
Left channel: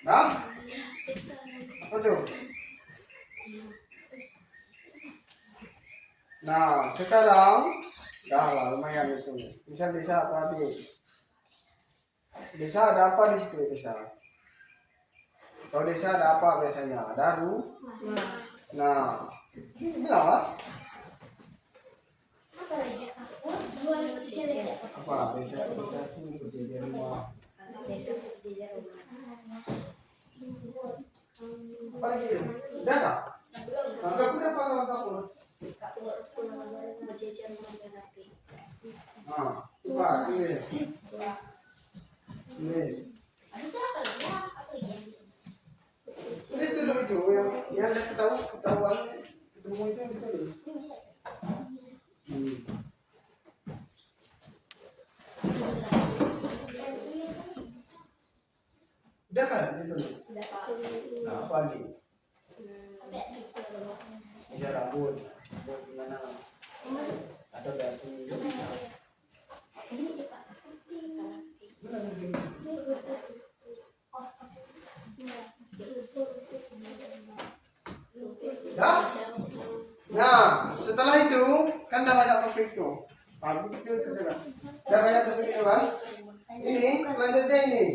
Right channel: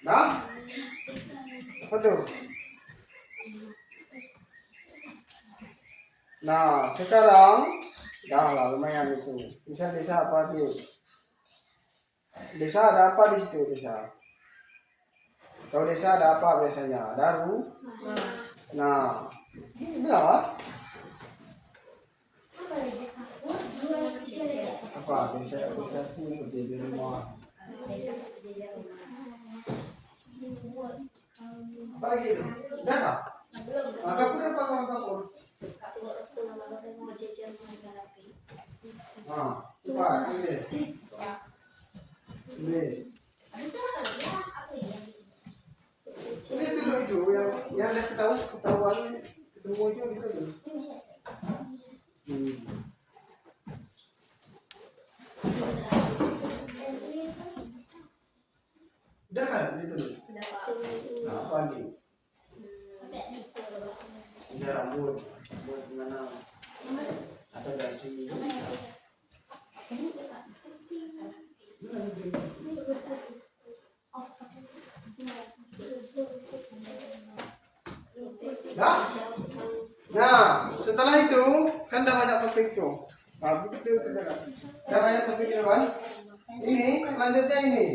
Nah, apa tuh? Nah, sekarang dah lah lumayan itu. Bisa desa apa di? Desa ada apa di situ desa? Kalau desa ada apa biasanya? Daru. Nah, bilang lah. Apa desa itu berdiri di rumah. Apa lagi itu? Udah kah? Nah, kapur apa kalau kapur? Nah, coba tulis. Tulis. Tulis dulu itu yang ketahuan ketemu itu ditulis. Udah kan ditulis. Nah, apa nih? Bisa rambut, buat gimana? Atau dasi? Dah? Nah, setelah itu kan dah banyak topik tuh. Nah, begitu kan? Dah banyak topik itu kan? Ini selanjutnya ini.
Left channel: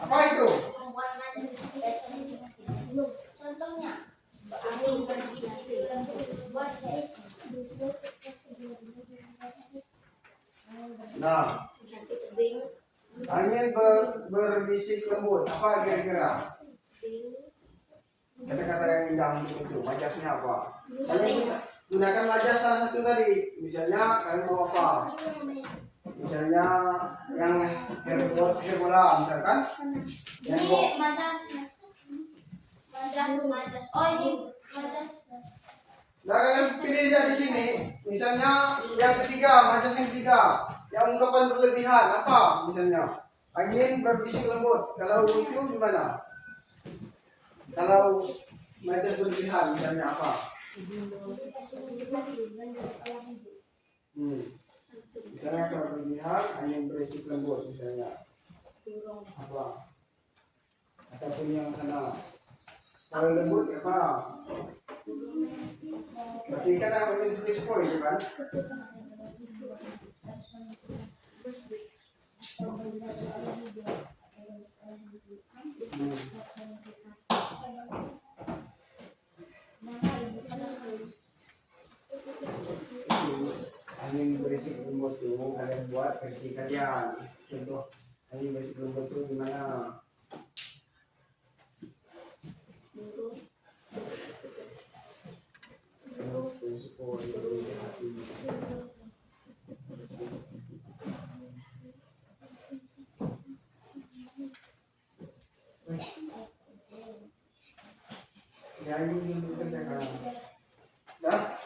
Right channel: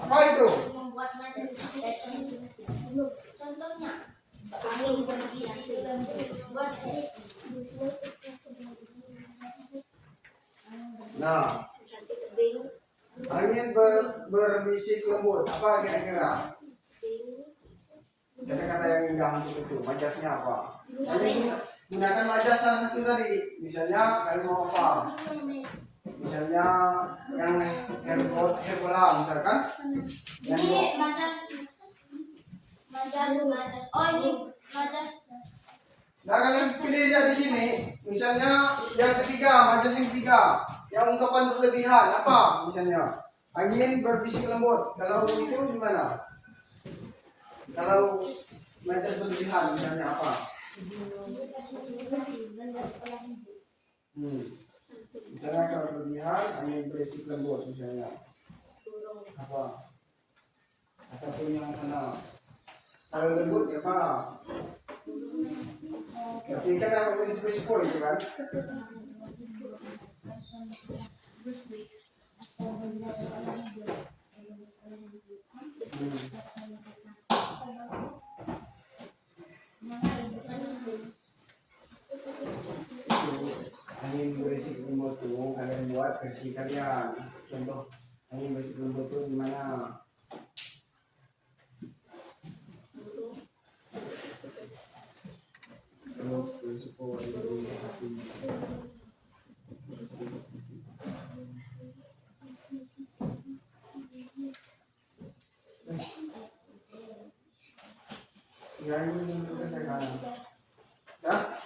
Apa itu? Membuat materi. Contohnya, angin berbisik. Buat Nah, angin berbisik lembut. Apa kira-kira? Kata-kata yang indah untuk itu. Majasnya apa? Kalian gunakan majas salah satu tadi. Misalnya kalian mau apa? Misalnya yang herbola misalkan. Yang ini majas. Oh ini majas. Nah kalian pilih aja di sini. Misalnya yang ketiga, majas yang ketiga, yang ungkapan berlebihan apa? Misalnya angin berbisik lembut. Kalau itu gimana? Kalau majas berlebihan misalnya apa? Misalnya kalau berlebihan angin berbisik lembut misalnya apa? Ataupun yang sana. Kalau lembut apa? Tapi kan angin sepo itu kan? Angin berisik lembut tuh kalian buat versi kalian. Contoh angin berisik lembut tuh gimana? Terus berisiko itu hati. Jangan kerjakan. Dah?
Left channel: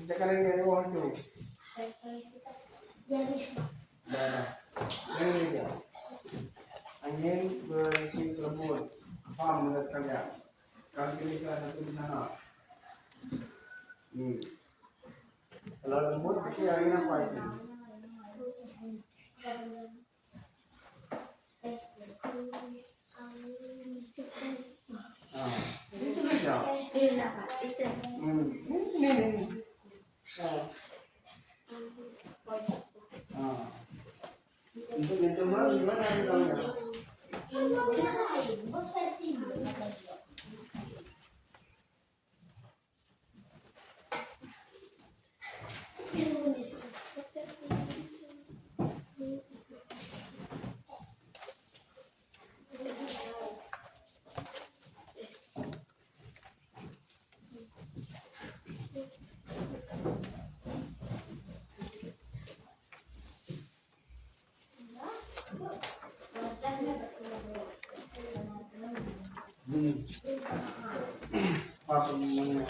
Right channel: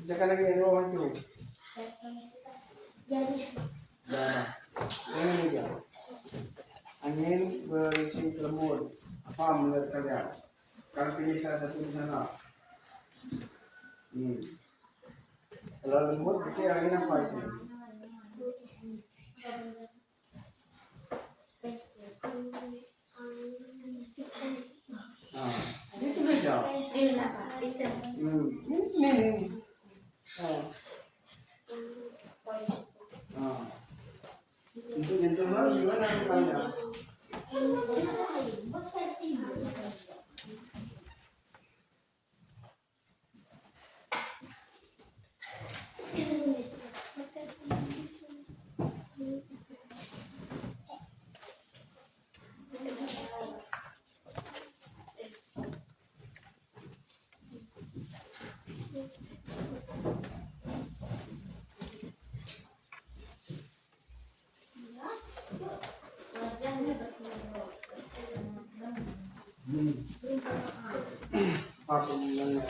Kerjakan lagi yang bawah itu. Dah. Ini dia. Angin berisik lembut. Apa menurut kalian? Kalian pilih salah satu di sana. Kalau lembut berarti angin apa itu? Itu bisa. Ini. Untuk jentuhan gimana misalnya? Apa mana?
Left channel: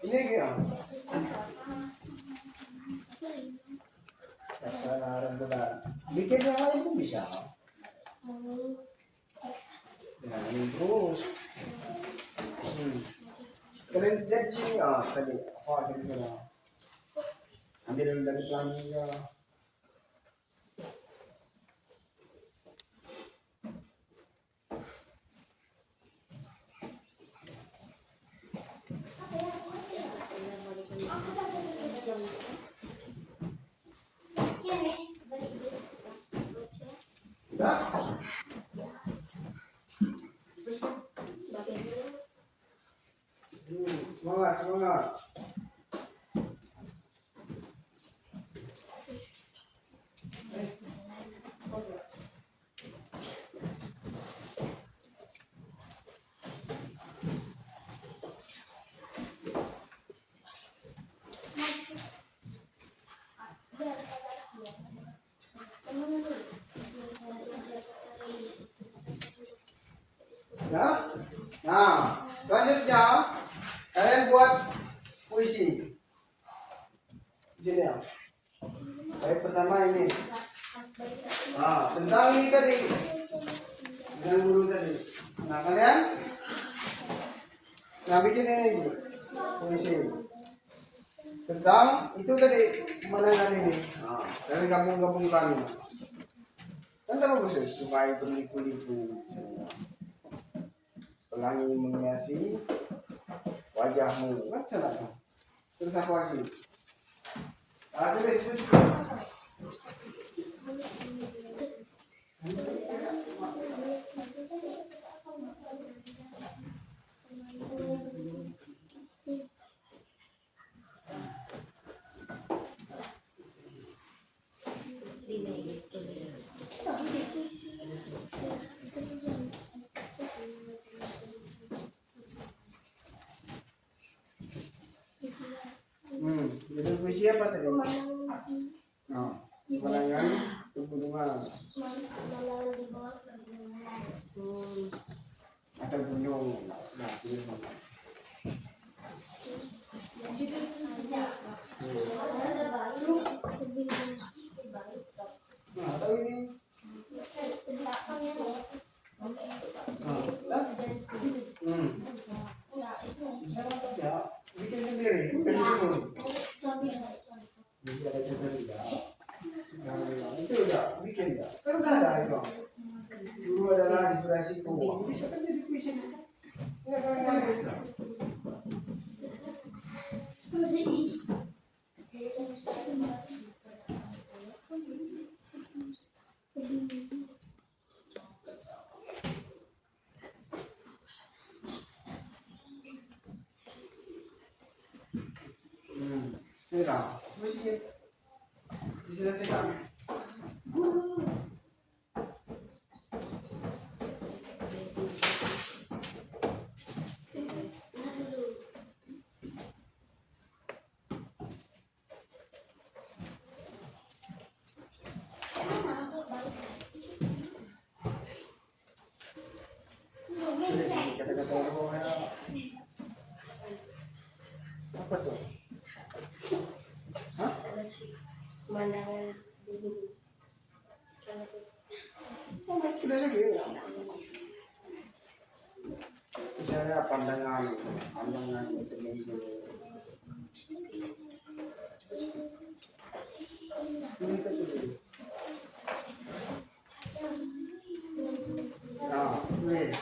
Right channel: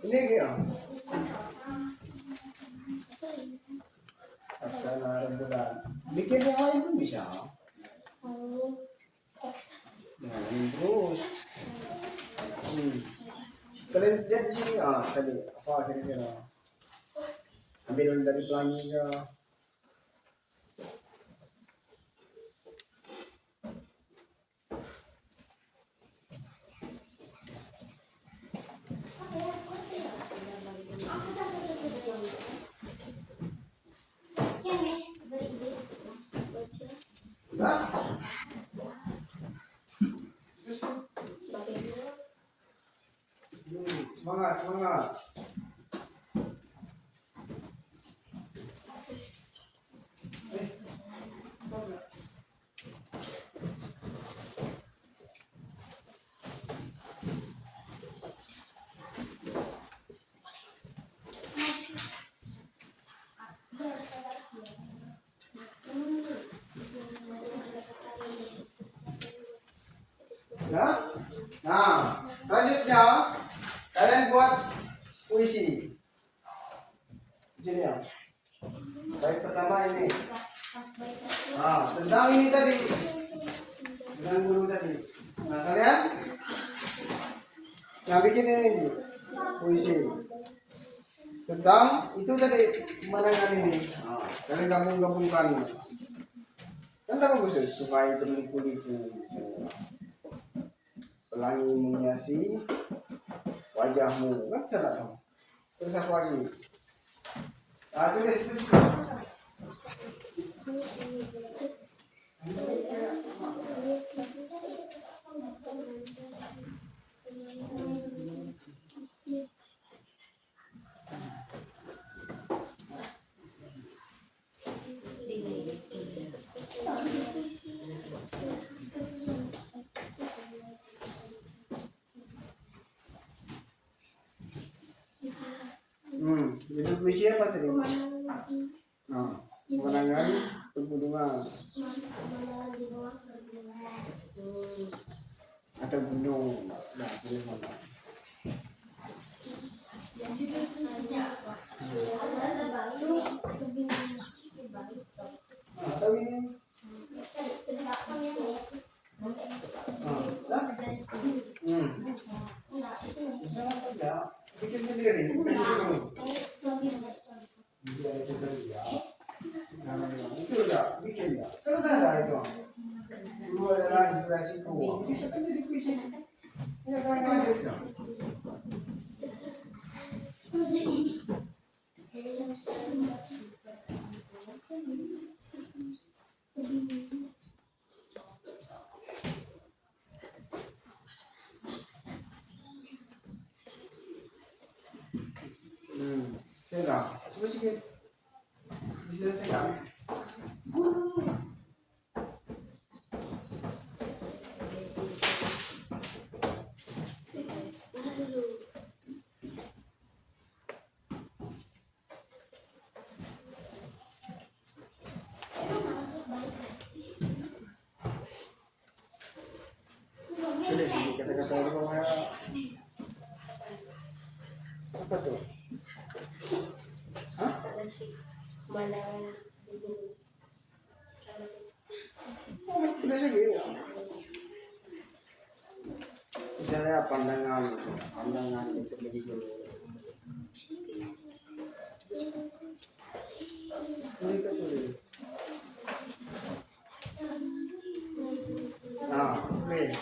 Ini dia. Kesalahan bulan. Bikin yang lain pun bisa. Jangan terus. Kalian lihat di sini tadi apa kira-kira? Ambil dulu dari pelanginya. Semangat, semangat. Ya? Nah, selanjutnya kalian buat puisi. Sini ya. Baik pertama ini. Tentang ini tadi. Dengan guru tadi. Nah, kalian yang bikin ini puisi. Tentang itu tadi pemandangan ini. Kalian gabung-gabungkan. Kan bagus ya, sungai berliku-liku. Pelangi menghiasi wajahmu, kan salah dong. Terus apa lagi? Tulis. Itu puisi apa tadi? Pemandangan pegunungan atau gunung. Nah, pilih mana? Atau ini? Ya, bikin sendiri. Itu udah bikin dah. Kan udah ada itu. Dulu adalah inspirasi ku. Bisa kan jadi puisi. Ini kawan-kawan itu. Sudah. Coba sikit. Diselesaikan. Kata-kata di bawah apa tuh? Hah? Udah saja. Misalnya pandangan itu begitu. Ini kan tuh. Nah, boleh.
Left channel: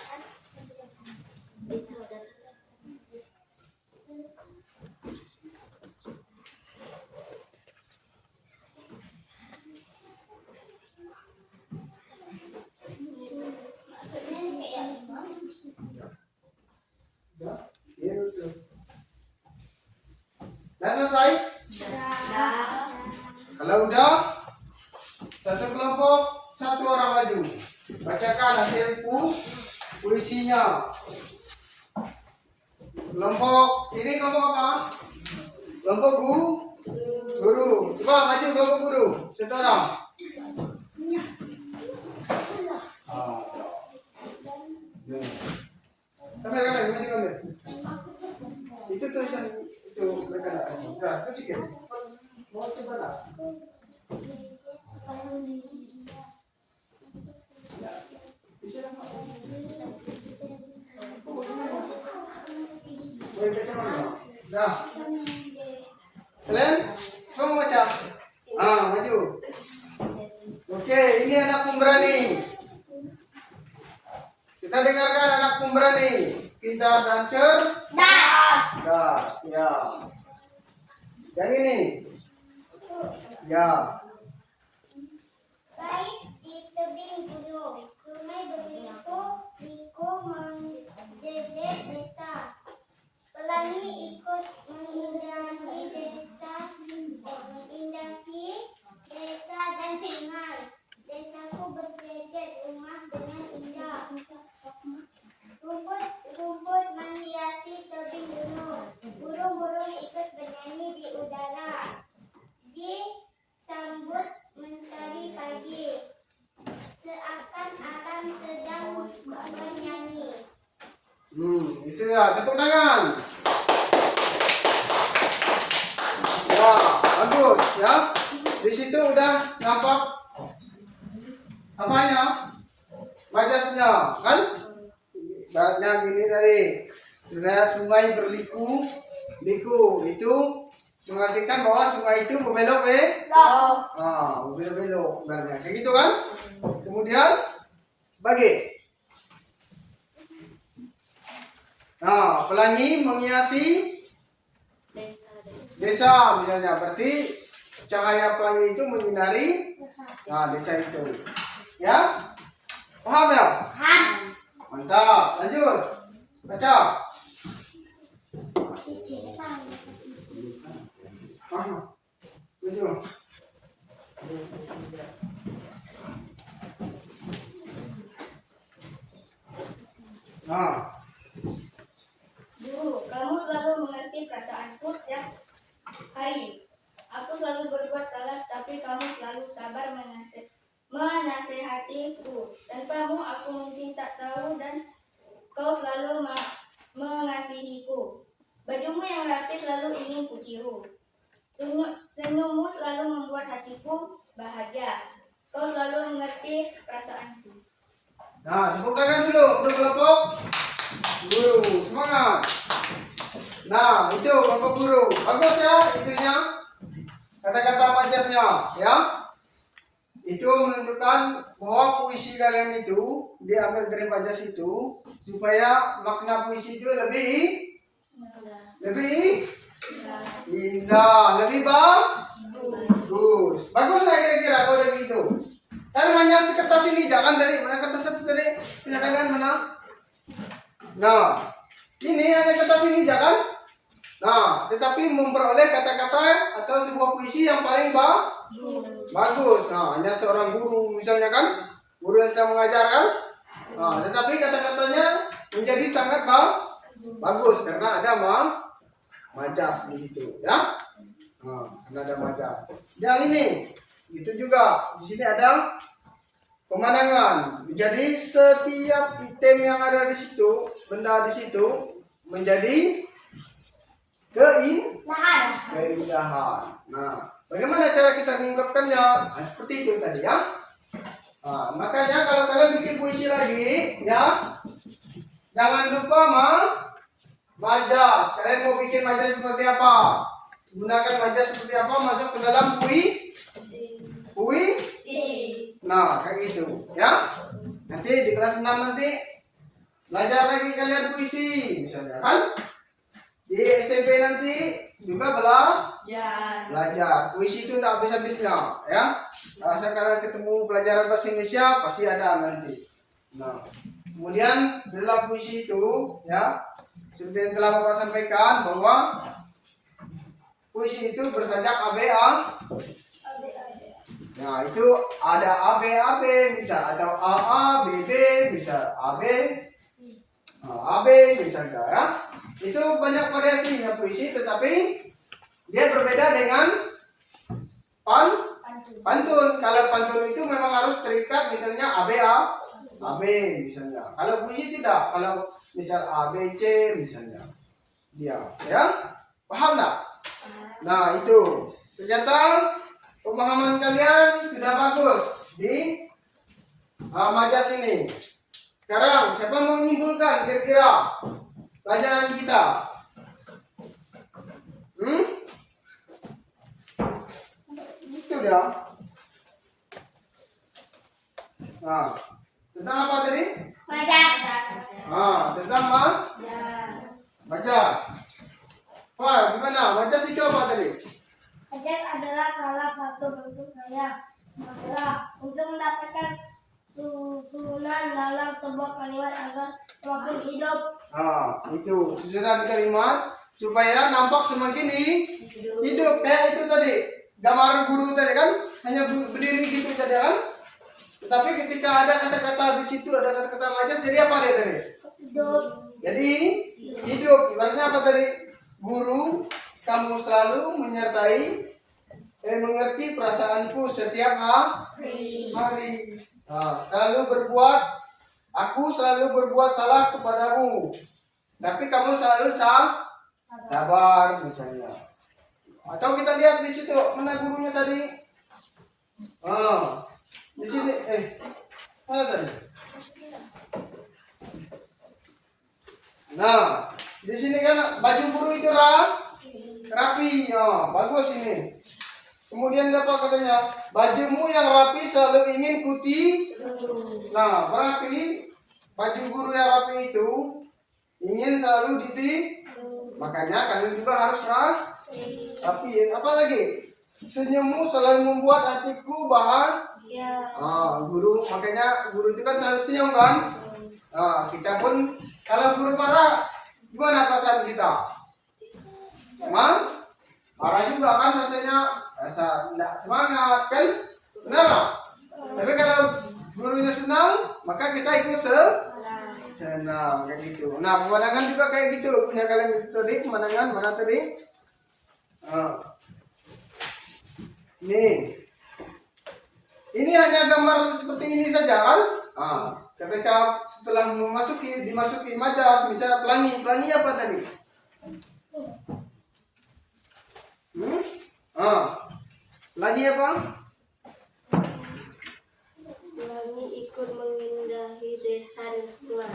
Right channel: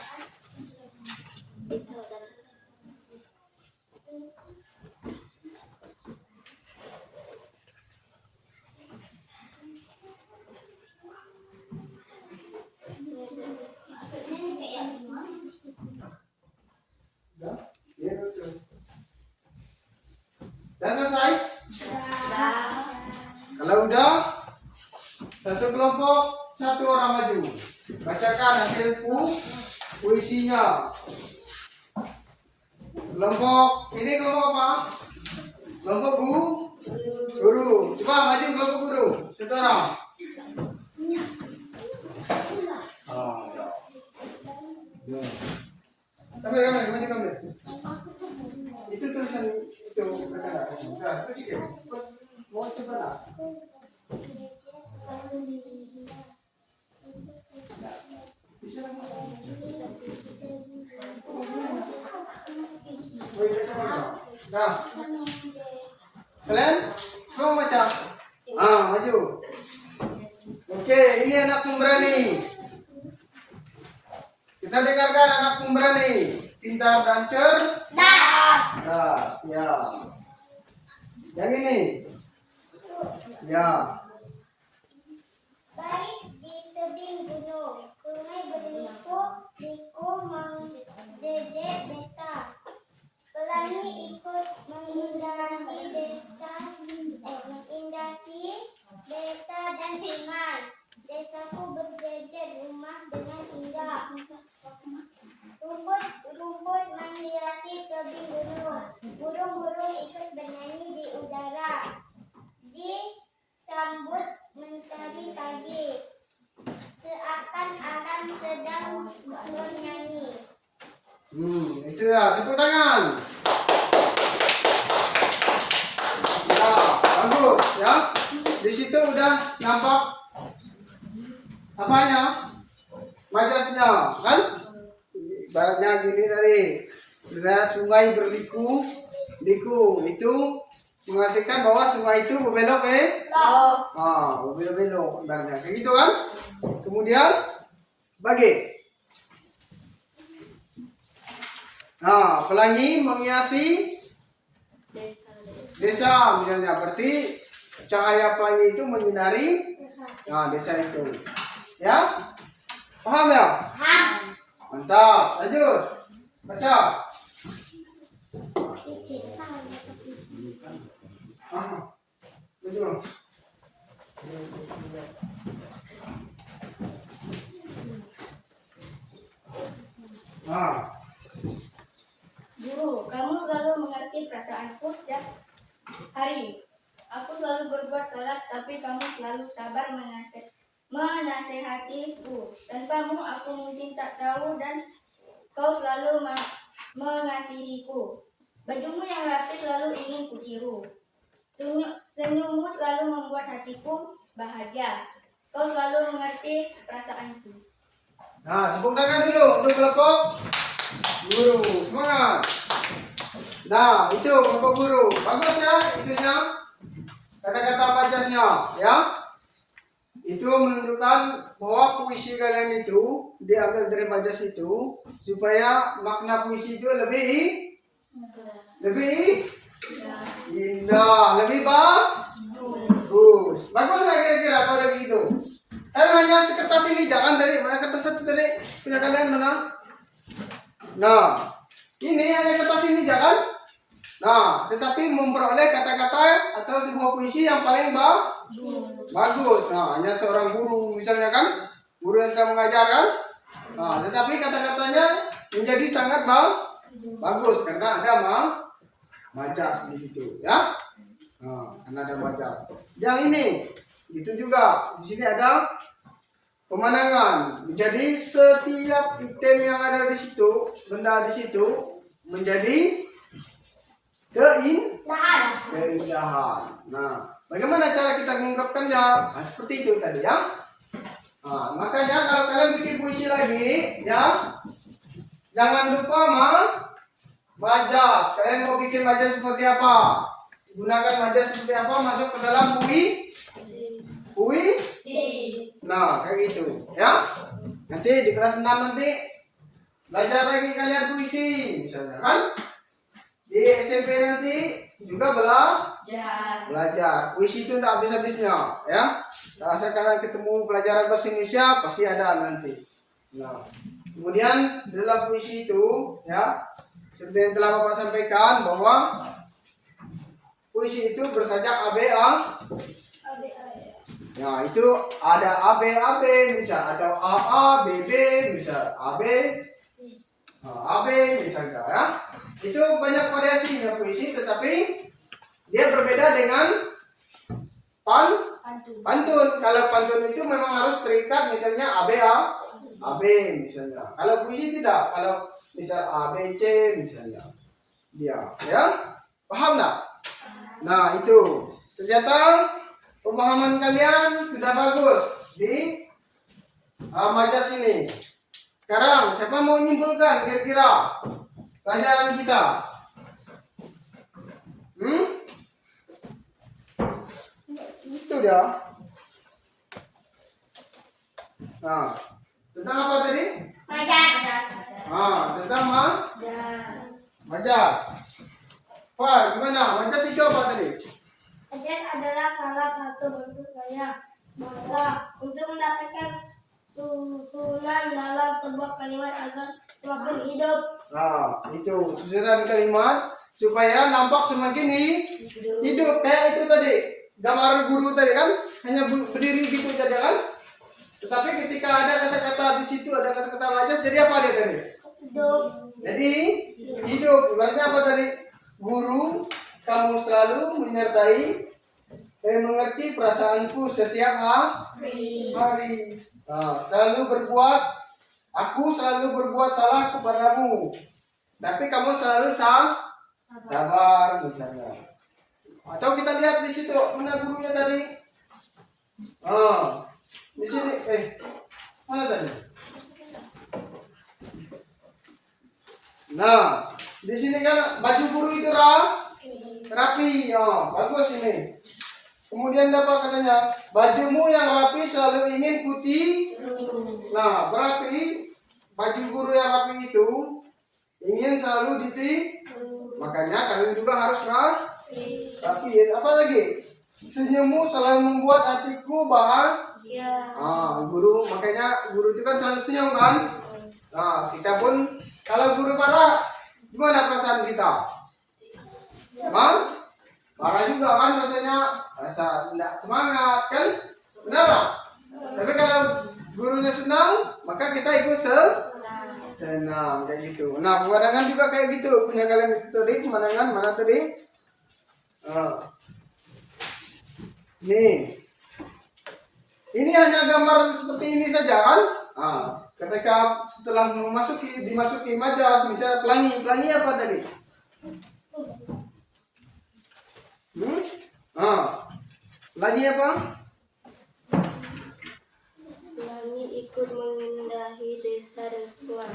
Udah selesai? Kalau udah, puisinya. Kelompok ini kelompok apa? Kelompok guru. Coba maju kelompok guru. Sekarang. Kamera, maju kamera. Itu tulisan itu mereka tak. Nah, itu sih. Mau coba lah. Nah, kalian semua baca. Maju. Oke, ini anak pemberani. Kita dengarkan anak pemberani. Pintar dan cerdas. Ya. Yang ini. Ya. Baik di tebing gunung, sungai berliku-liku menjejek desa. Pelangi ikut mengindaki desa dan sungai. Desaku berjejer rumah dengan indah. Rumput menghiasi tebing gunung. Burung-burung ikut bernyanyi di udara. Disambut mentari pagi. Seakan-akan sedang bernyanyi. Itu ya, tepuk tangan. Ya, bagus ya. Di situ udah nampak apanya? Majasnya, kan? Baratnya gini tadi. Sudah sungai berliku-liku. Itu mengartikan bahwa sungai itu berbelok berbelok ibaratnya. Kayak gitu kan? Kemudian bagi. Nah, pelangi menghiasi desa misalnya, berarti cahaya pelangi itu menyinari desa itu. Ya? Paham ya? Paham. Mantap. Lanjut. Baca. Lanjut. Guru, kamu selalu mengerti perasaanku setiap hari. Aku selalu berbuat salah, tapi kamu selalu sabar menasehatiku. Tanpamu aku mungkin tak tahu dan kau selalu mengasihiku. Bajumu yang rapi selalu ingin kutiru. Senyummu selalu membuat hatiku bahagia. Kau selalu mengerti perasaanku. Nah, tepuk tangan dulu untuk kelompok guru. Semangat. Nah, itu kelompok guru. Bagus ya itunya. Kata-kata majasnya, ya. Itu menunjukkan bahwa puisi kalian itu diambil dari majas itu supaya makna puisi itu lebih indah, lebih bagus. Bagus lah kira-kira kalau udah begitu. Kalian hanya sekertas ini, jangan dari mana kertas satu tadi punya kalian mana? Nah, ini hanya kertas ini jangan. Nah, tetapi memperoleh kata-kata atau sebuah puisi yang paling bagus. Nah, hanya seorang guru misalnya kan, guru yang sedang mengajarkan. Nah, tetapi kata-katanya menjadi sangat bagus karena ada majas di situ, ya. Nah, karena ada majas. Yang ini itu juga di sini ada pemandangan. Jadi setiap item yang ada di situ, benda di situ menjadi keindahan. Nah, bagaimana cara kita mengungkapkannya? Nah, seperti itu tadi ya. Nah, makanya kalau kalian bikin puisi lagi, ya, jangan lupa majas. Kalian mau bikin majas seperti apa? Gunakan majas seperti apa? Masuk ke dalam puisi. Nah, kayak gitu, ya. Nanti di kelas 6 nanti belajar lagi kalian puisi, misalnya kan? Di SMP nanti juga belajar. Puisi itu tidak habis-habisnya, ya. Rasa kalian ketemu pelajaran bahasa Indonesia pasti ada nanti. Nah, kemudian dalam puisi itu, ya, seperti yang telah Bapak sampaikan bahwa puisi itu bersajak Nah, itu ada AB, AB, misal, atau AA, BB, misal, AB, AB, misalnya ya. Itu banyak variasinya puisi, tetapi dia berbeda dengan pantun. Kalau pantun itu memang harus terikat, misalnya ABA, AB, misalnya. Kalau puisi tidak, kalau misal ABC, misalnya. Dia, ya, paham nggak? Nah, itu ternyata pemahaman kalian sudah bagus di majas ini. Sekarang siapa mau menyimpulkan kira-kira pelajaran kita? Itu dia. Nah, tentang apa tadi? Majas. Tentang majas. Wah, gimana? Majas itu apa tadi? Majas adalah salah satu bentuk gaya bahasa untuk mendapatkan susunan dalam sebuah kalimat agar semakin hidup. Itu susunan kalimat supaya nampak semakin hidup. Kayak itu tadi, gambar guru tadi kan, hanya berdiri gitu saja kan. Tetapi ketika ada kata-kata di situ, ada kata-kata majas, jadi apa dia tadi? Hidup. Jadi hidup. Ibaratnya apa tadi? Guru, kamu selalu menyertai, mengerti perasaanku setiap hari. Selalu berbuat, aku selalu berbuat salah kepadamu, tapi kamu selalu sabar misalnya. Atau kita lihat di situ, mana gurunya tadi? Di sini, mana tadi? Nah, di sini kan baju guru itu rapi, bagus ini. Kemudian apa katanya? Bajumu yang rapi selalu ingin putih. Nah, berarti baju guru yang rapi itu ingin selalu makanya kalian juga harus rapi. Apa lagi? Senyummu selalu membuat hatiku bahagia. Guru, makanya guru itu kan selalu senyum kan? Kita pun kalau guru marah, gimana perasaan kita? Marah juga kan rasanya, rasa tidak semangat kan? Benar tak? Tapi kalau gurunya senang, maka kita ikut senang kayak gitu. Nah, pemandangan juga kayak gitu. Punya kalian itu tadi, pemandangan mana tadi? Nih. Ini hanya gambar seperti ini saja kan? Ketika setelah dimasuki majas, bicara pelangi apa tadi? Pelangi apa? Pelangi ikut mengindahi desa dan sungai.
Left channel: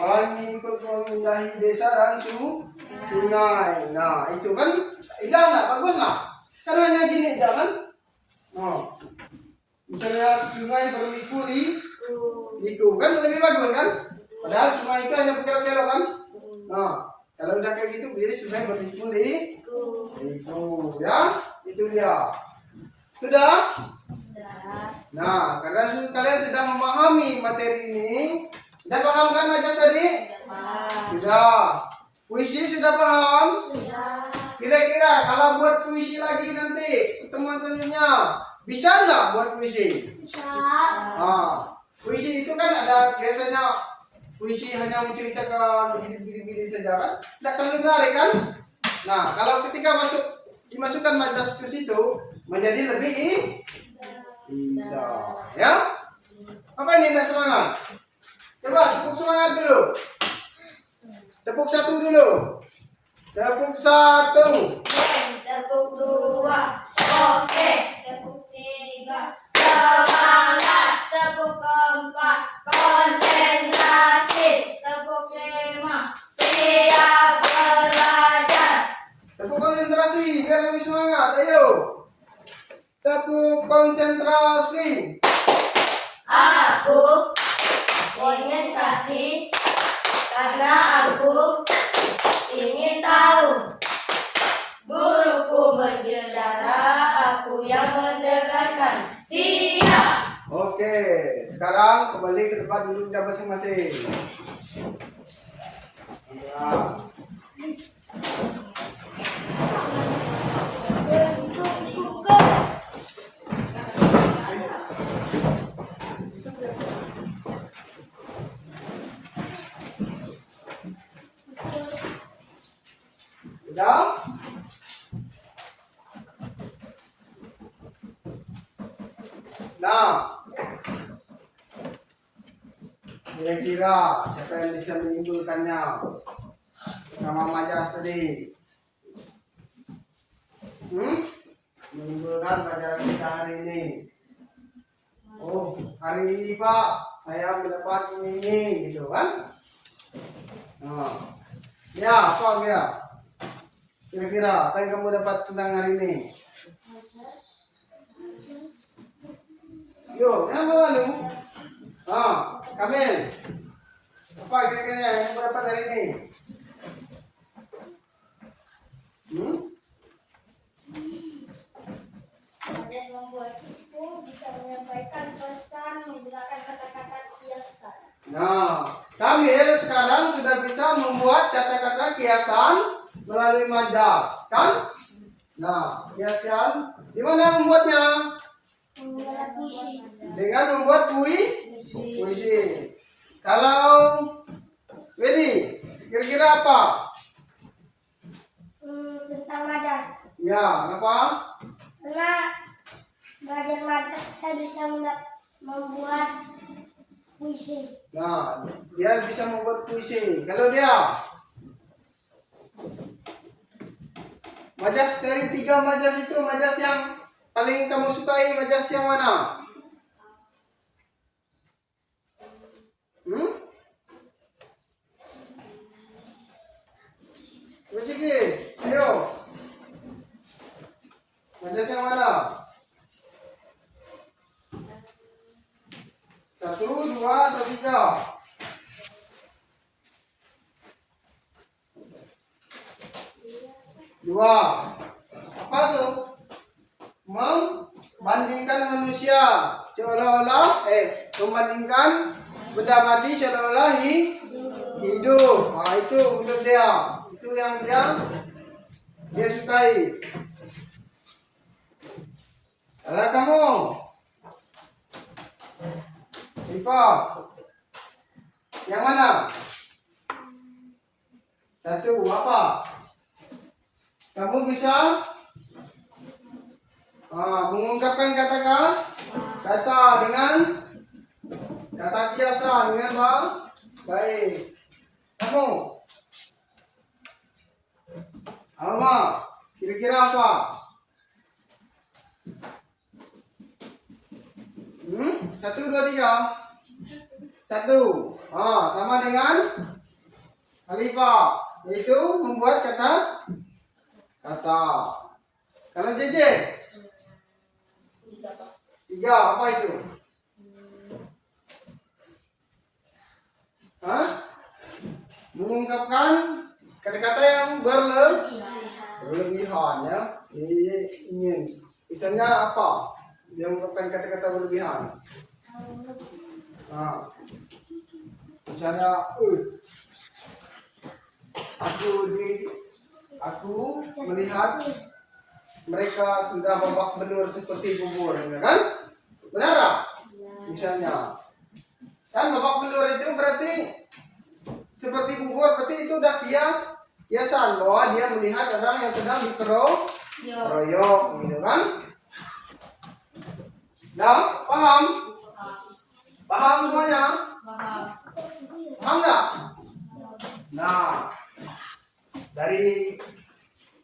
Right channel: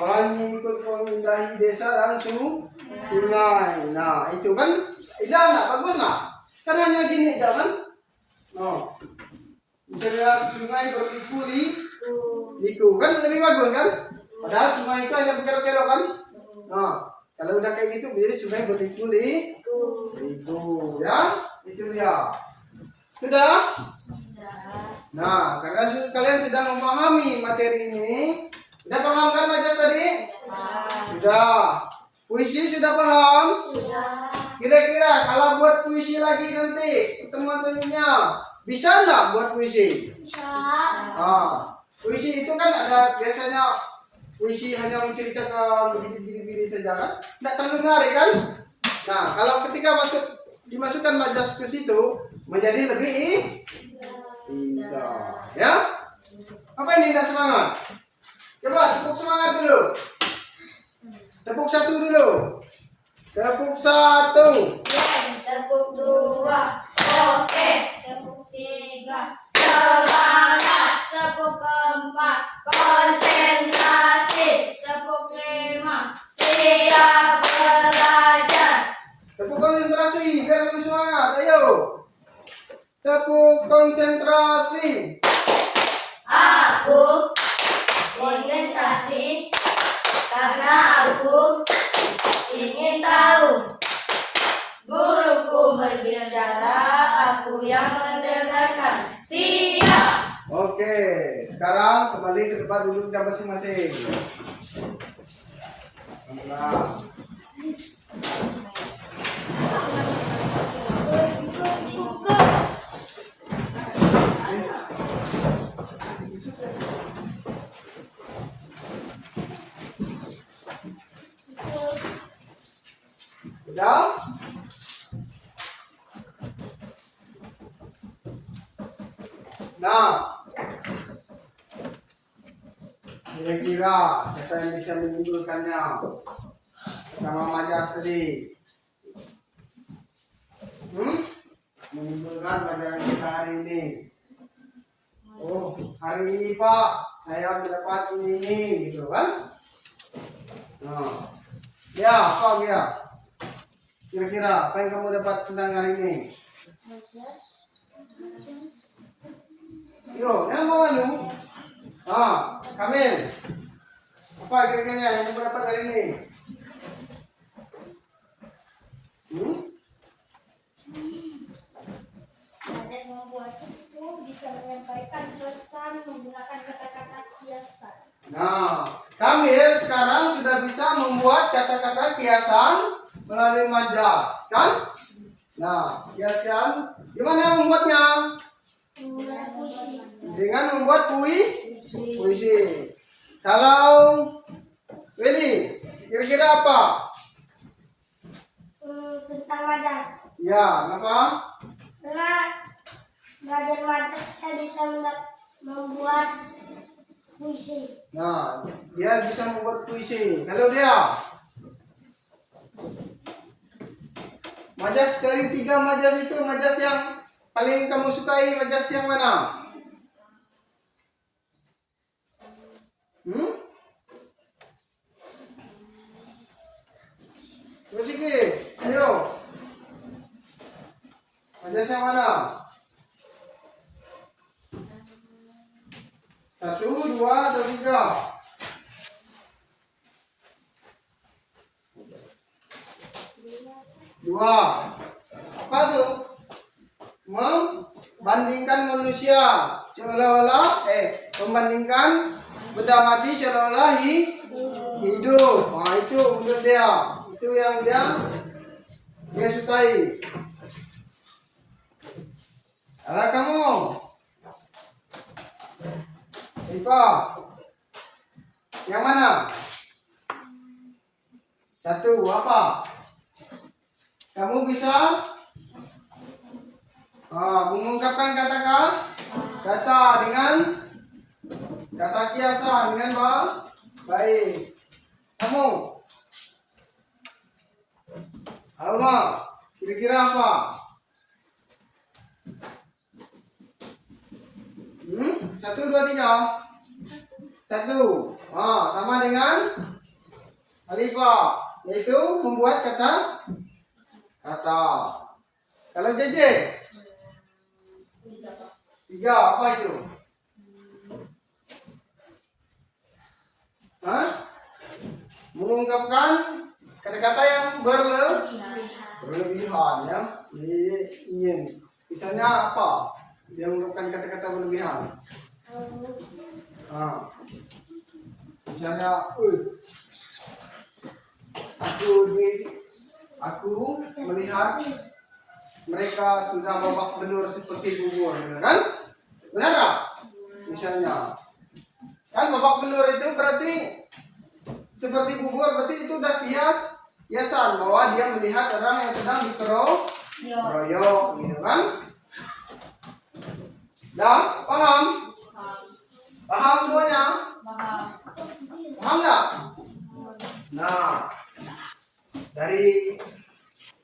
Pelangi ikut mengindahi desa dan sungai. Nah, itu kan indah nggak? Bagus nggak? Kan hanya gini, kan? Misalnya sungai berliku, kan lebih bagus kan? Padahal sungai itu hanya berkelok-kelok kan? Kalau udah kayak gitu, jadi sungai berliku, ya? Itu dia. Sudah? Nah, karena kalian sudah memahami materi ini, sudah paham kan majas tadi? Sudah. Puisi sudah paham? Sudah. Kira-kira kalau buat puisi lagi nanti pertemuan selanjutnya, bisa nggak buat puisi? Bisa. Puisi itu kan ada biasanya puisi hanya menceritakan begini saja kan? Tidak terlalu menarik kan? Nah, kalau ketika dimasukkan majas ke situ, menjadi lebih indah. Ya? Apa ini indah semangat? Coba tepuk semangat dulu. Tepuk satu dulu. Tepuk satu. Tepuk dua. Oke. Tepuk tiga. Semangat. Tepuk keempat. Konsentrasi. Tepuk lima. Siap belajar. Tepuk konsentrasi biar lebih semangat. Ayo. Tepuk konsentrasi. Aku konsentrasi karena aku ingin tahu. Guruku berbicara, aku yang mendengarkan. Siap. Oke, sekarang kembali ke tempat duduknya masing-masing. Nah. Sudah? Nah, kira-kira siapa yang bisa menyimpulkannya? Nama Majas tadi. Menyimpulkan pelajaran kita hari ini. Oh, hari ini Pak, saya mendapat ini, gitu kan? Nah, ya, apa ya? Kira-kira apa yang kamu dapat tentang hari ini? Yo, yang mau lu? Kamil. Apa kira-kira yang kamu dapat hari ini? Majas membuat itu bisa menyampaikan pesan menggunakan kata-kata kiasan. Nah, Kamil sekarang sudah bisa membuat kata-kata kiasan melalui Majas, kan? Nah, kiasan gimana membuatnya? Menggunakan puisi. Dengan membuat puisi. Kalau Willy, kira-kira apa? Tentang Majas. Ya, kenapa? Karena belajar Majas saya bisa membuat puisi. Nah, dia bisa membuat puisi. Kalau dia Majas dari 3 Majas itu, Majas yang paling kamu sukai, Majas yang mana? Ciki, ayo. Majas yang mana? 1, 2, atau 3? 2. Apa tuh? Membandingkan manusia seolah-olah membandingkan benda mati seolah-olah hidup. Nah, itu untuk dia. Itu yang dia sukai. Kalau kamu Ipa, yang mana? 1, apa? Kamu bisa mengungkapkan kata dengan kata kiasan dengan baik. Kamu, Alma, kira-kira apa? 1, 2, 3. 1. Sama dengan Alifah, yaitu membuat kata. Kalau JJ? 3, apa itu? Mengungkapkan kata-kata yang berlebihan ya. Ingin. Misalnya apa? Dia mengungkapkan kata-kata berlebihan. Misalnya, aku melihat mereka sudah babak belur seperti bubur, kan? Benar tak? Misalnya, kan babak belur itu berarti seperti bubur, berarti itu udah kiasan bahwa dia melihat orang yang sedang dikeroyok, gitu kan? Dah, paham? Paham semuanya? Paham nggak? Nah, dari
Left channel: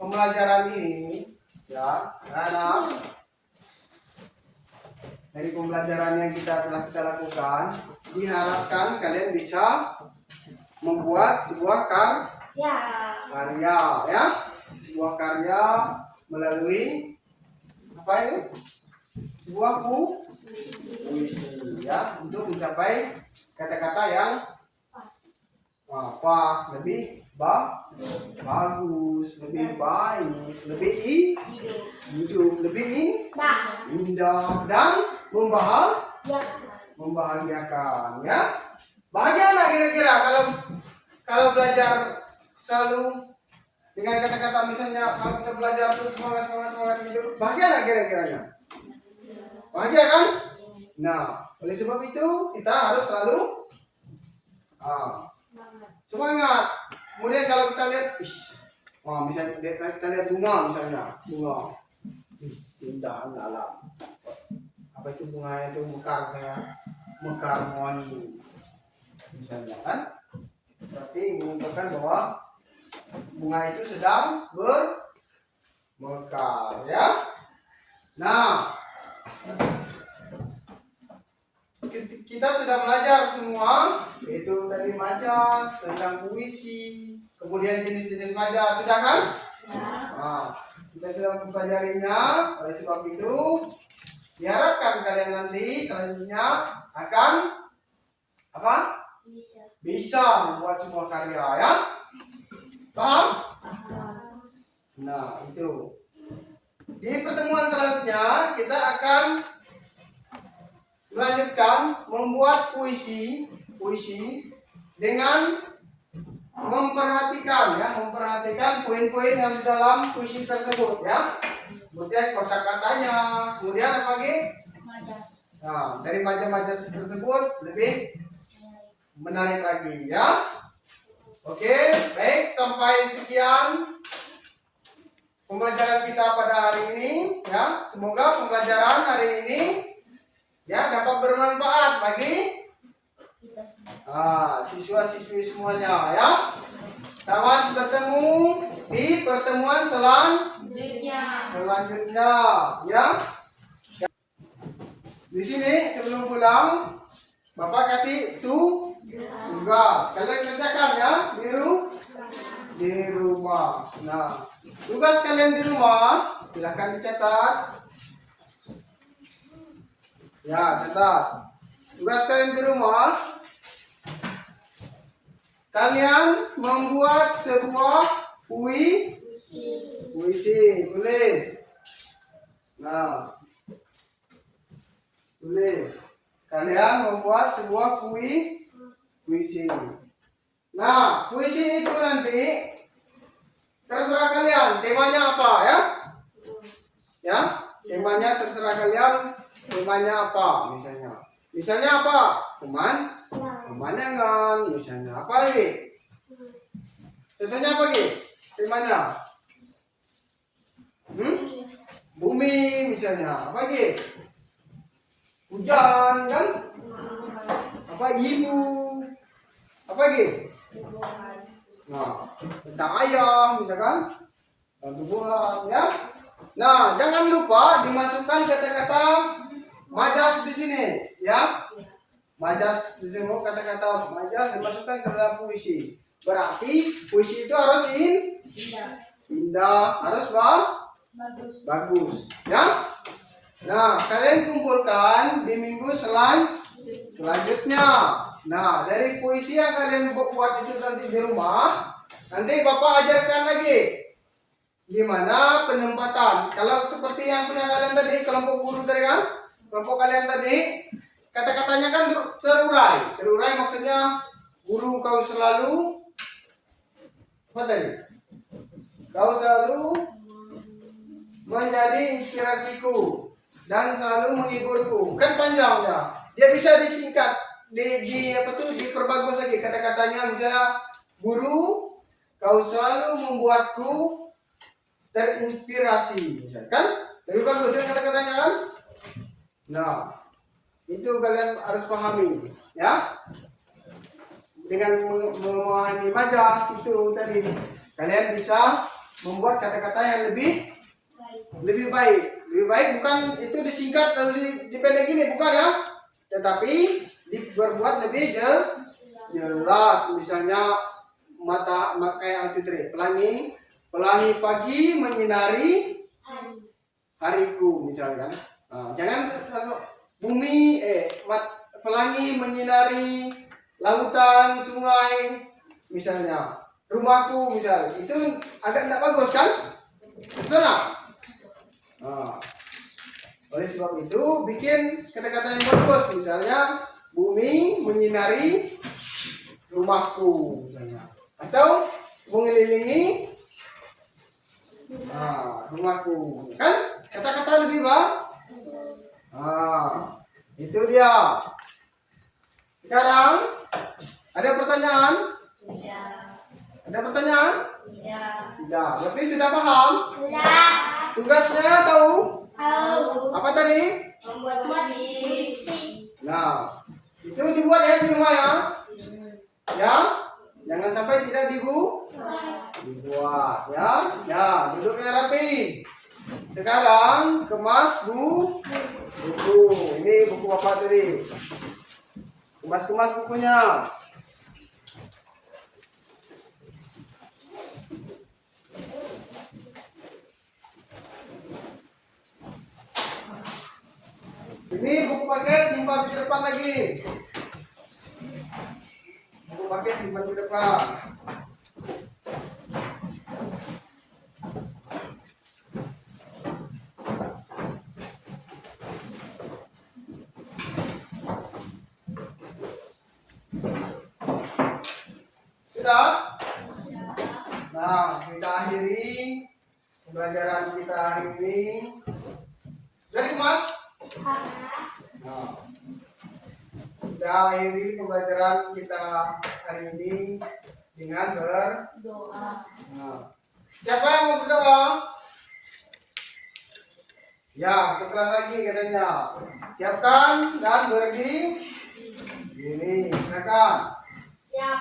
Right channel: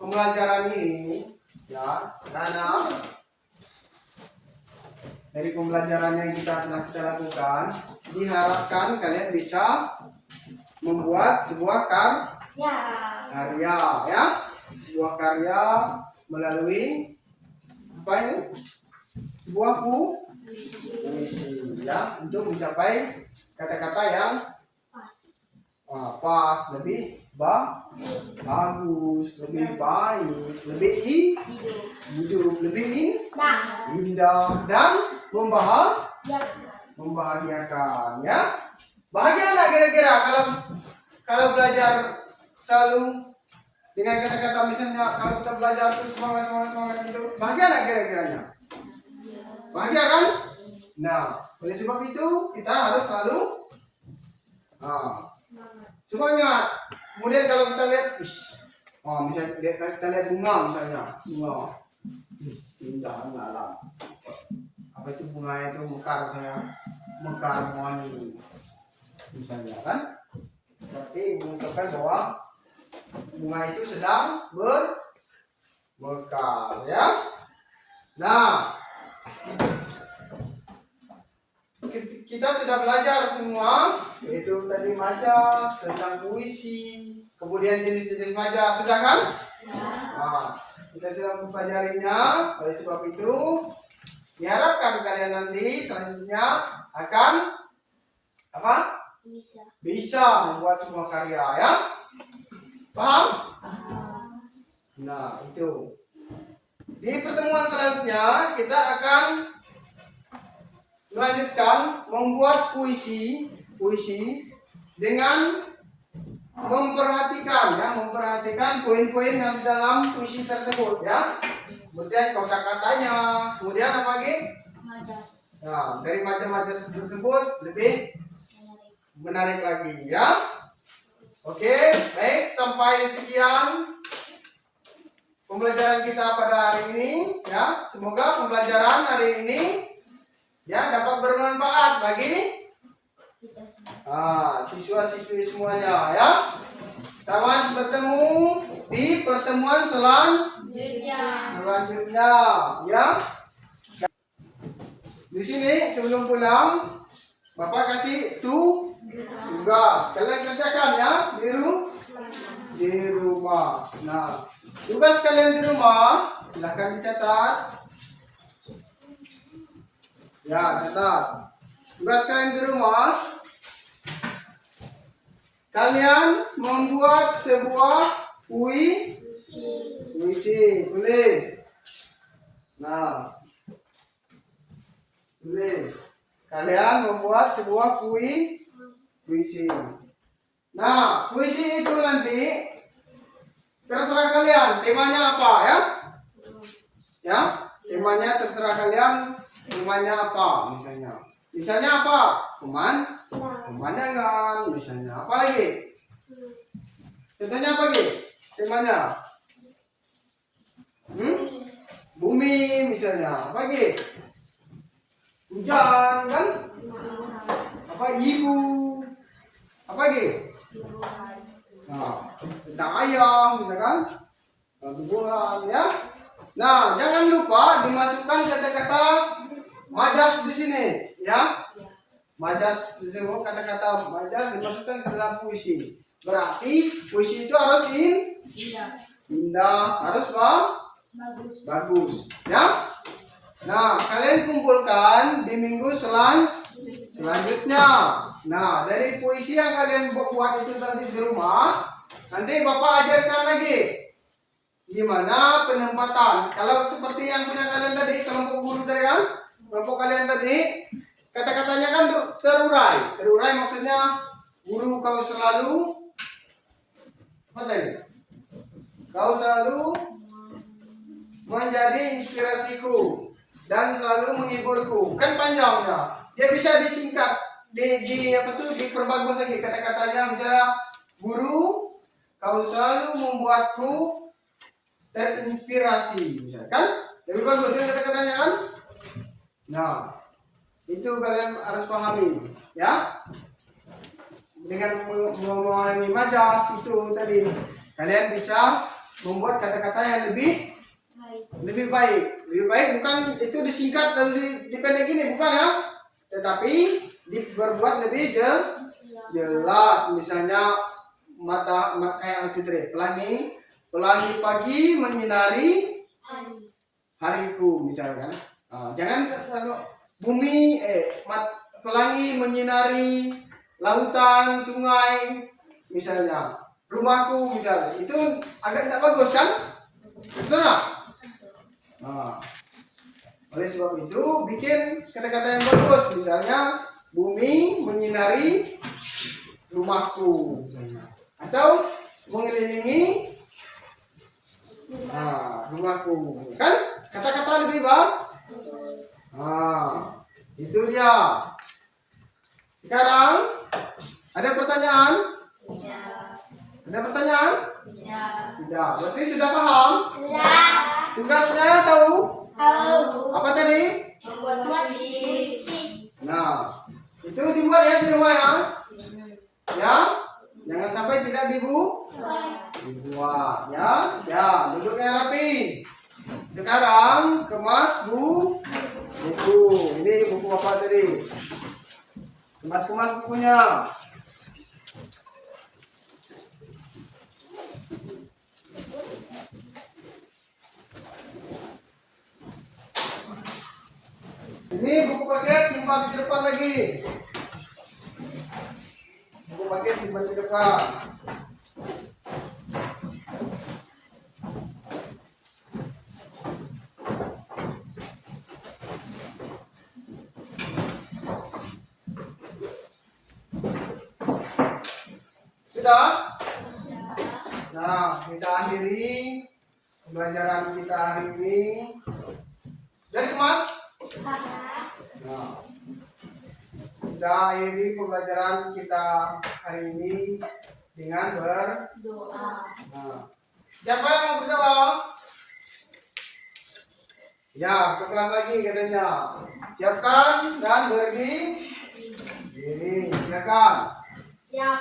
pembelajaran ini, ya, anak-anak, dari pembelajaran yang telah kita lakukan, diharapkan kalian bisa membuat sebuah karya, ya, sebuah karya melalui apa ini? Sebuah puisi, ya, untuk mencapai kata-kata yang pas, lebih bagus, lebih baik, lebih hidup, lebih indah dan membahagiakan, ya. Bahagia nggak kira-kira kalau belajar selalu dengan kata-kata, misalnya kalau kita belajar terus semangat gitu, bahagia nggak kira-kiranya? Bahagia kan? Nah, oleh sebab itu kita harus selalu semangat. Kemudian kalau kita lihat, Misalnya kita lihat bunga misalnya, bunga. Indah alam. Apa itu bunganya itu mekar saya, mekar wangi. Misalnya kan, berarti menunjukkan bahwa bunga itu sedang bermekar ya. Nah, kita sudah belajar semua, yaitu tadi majas, tentang puisi, kemudian jenis-jenis majas, sudah kan? Ya. Nah, kita sudah mempelajarinya. Oleh sebab itu, diharapkan kalian nanti selanjutnya akan apa? Bisa membuat sebuah karya ya. Paham? Nah, itu. Di pertemuan selanjutnya kita akan melanjutkan membuat puisi dengan memperhatikan poin-poin yang di dalam puisi tersebut ya. Kemudian kosakatanya, kemudian apa lagi? Majas. Nah, dari majas-majas tersebut lebih menarik lagi ya. Oke, baik, sampai sekian pembelajaran kita pada hari ini ya. Semoga pembelajaran hari ini ya dapat bermanfaat bagi siswa-siswi semuanya ya. Selamat bertemu di pertemuan selanjutnya ya. Di sini sebelum pulang Bapak kasih tugas. Kalian kerjakan ya di rumah. Nah, tugas kalian di rumah silakan dicatat. Ya, catat. Tugas kalian di rumah, kalian membuat sebuah puisi, tulis. Nah, tulis. Kalian membuat sebuah puisi. Nah, puisi itu nanti terserah kalian. Temanya apa ya? Ya, temanya terserah kalian. Temanya apa misalnya? Misalnya apa? Pemandangan. Misalnya apa lagi? Contohnya apa lagi? Temanya? Bumi misalnya. Apa lagi? Hujan kan? Apa ibu? Apa lagi? Nah, tentang ayah misalkan. Tumbuhan ya. Nah, jangan lupa dimasukkan kata-kata majas di sini ya. Majas di sini, kata-kata majas dimasukkan ke dalam puisi. Berarti puisi itu harus indah, harus bagus ya. Nah, kalian kumpulkan di minggu selanjutnya. Nah, dari puisi yang kalian buat itu nanti di rumah, nanti Bapak ajarkan lagi gimana penempatan. Kalau seperti yang punya kalian tadi, kelompok guru tadi kan, kelompok kalian tadi, kata-katanya kan terurai. Terurai maksudnya guru kau selalu apa tadi? Kau selalu menjadi inspirasiku dan selalu menghiburku. Kan panjangnya. Dia bisa disingkat, diperbagus lagi kata-katanya. Misalnya, guru, kau selalu membuatku terinspirasi, misalnya kan? Lebih bagus kan kata-katanya kan? Nah, itu kalian harus pahami, ya. Dengan memahami majas itu tadi, kalian bisa membuat kata-kata yang lebih baik. Lebih baik bukan itu disingkat lalu dipendek gini, bukan ya? Tetapi diperbuat lebih jelas. Misalnya kayak itu tadi, pelangi pagi menyinari hariku misalkan. Nah, jangan bumi pelangi menyinari lautan, sungai misalnya, rumahku misalnya. Itu agak tidak bagus kan? Betul nggak? Nah, oleh sebab itu bikin kata-kata yang bagus, misalnya bumi menyinari rumahku misalnya, atau mengelilingi rumahku, kan kata-kata lebih itu dia. Sekarang ada pertanyaan? Ada pertanyaan? Tidak. Tidak. Berarti sudah paham? Sudah. Tugasnya tahu? Tahu. Apa tadi? Membuat puisi. Nah, itu dibuat ya di rumah ya. Ya, jangan sampai tidak dibuat ya. Ya, duduk yang rapi. Sekarang kemas buku. Ini buku Bapak tadi. Kemas-kemas bukunya. Ini buku paket simpan di depan lagi. Buku paket simpan di depan. Sudah? Nah, kita akhiri pembelajaran kita hari ini. Dari kemas? Nah, kita akhiri pembelajaran kita hari ini dengan Doa. Nah, siapa yang mau berdoa? Ya, ke kelas lagi katanya. Siapkan dan berdiri. Ini, silakan. Siap.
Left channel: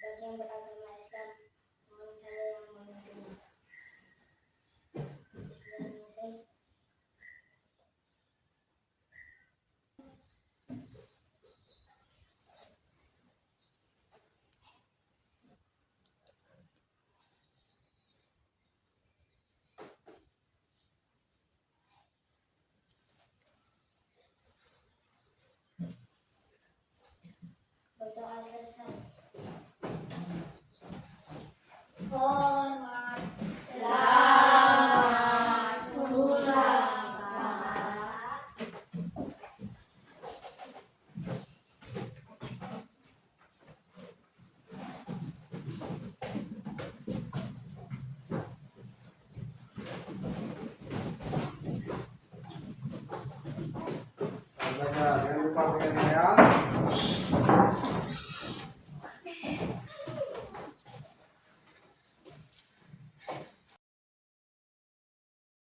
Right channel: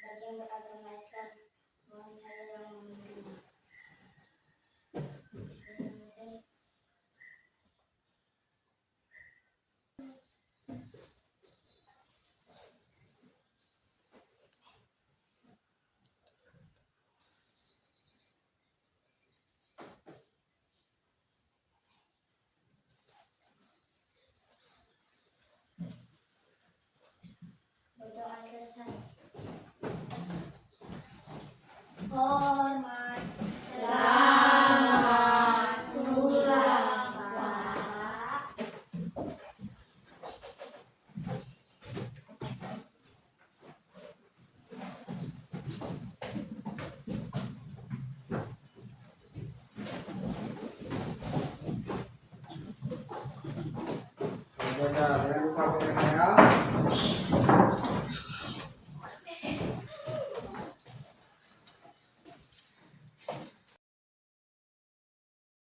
Bagi yang beragama Islam, mohon saya yang memimpin. Bismillahirrahmanirrahim. Berdoa selesai. Hormat. Selamat pulang, Pak. Jangan lupa dengan saya.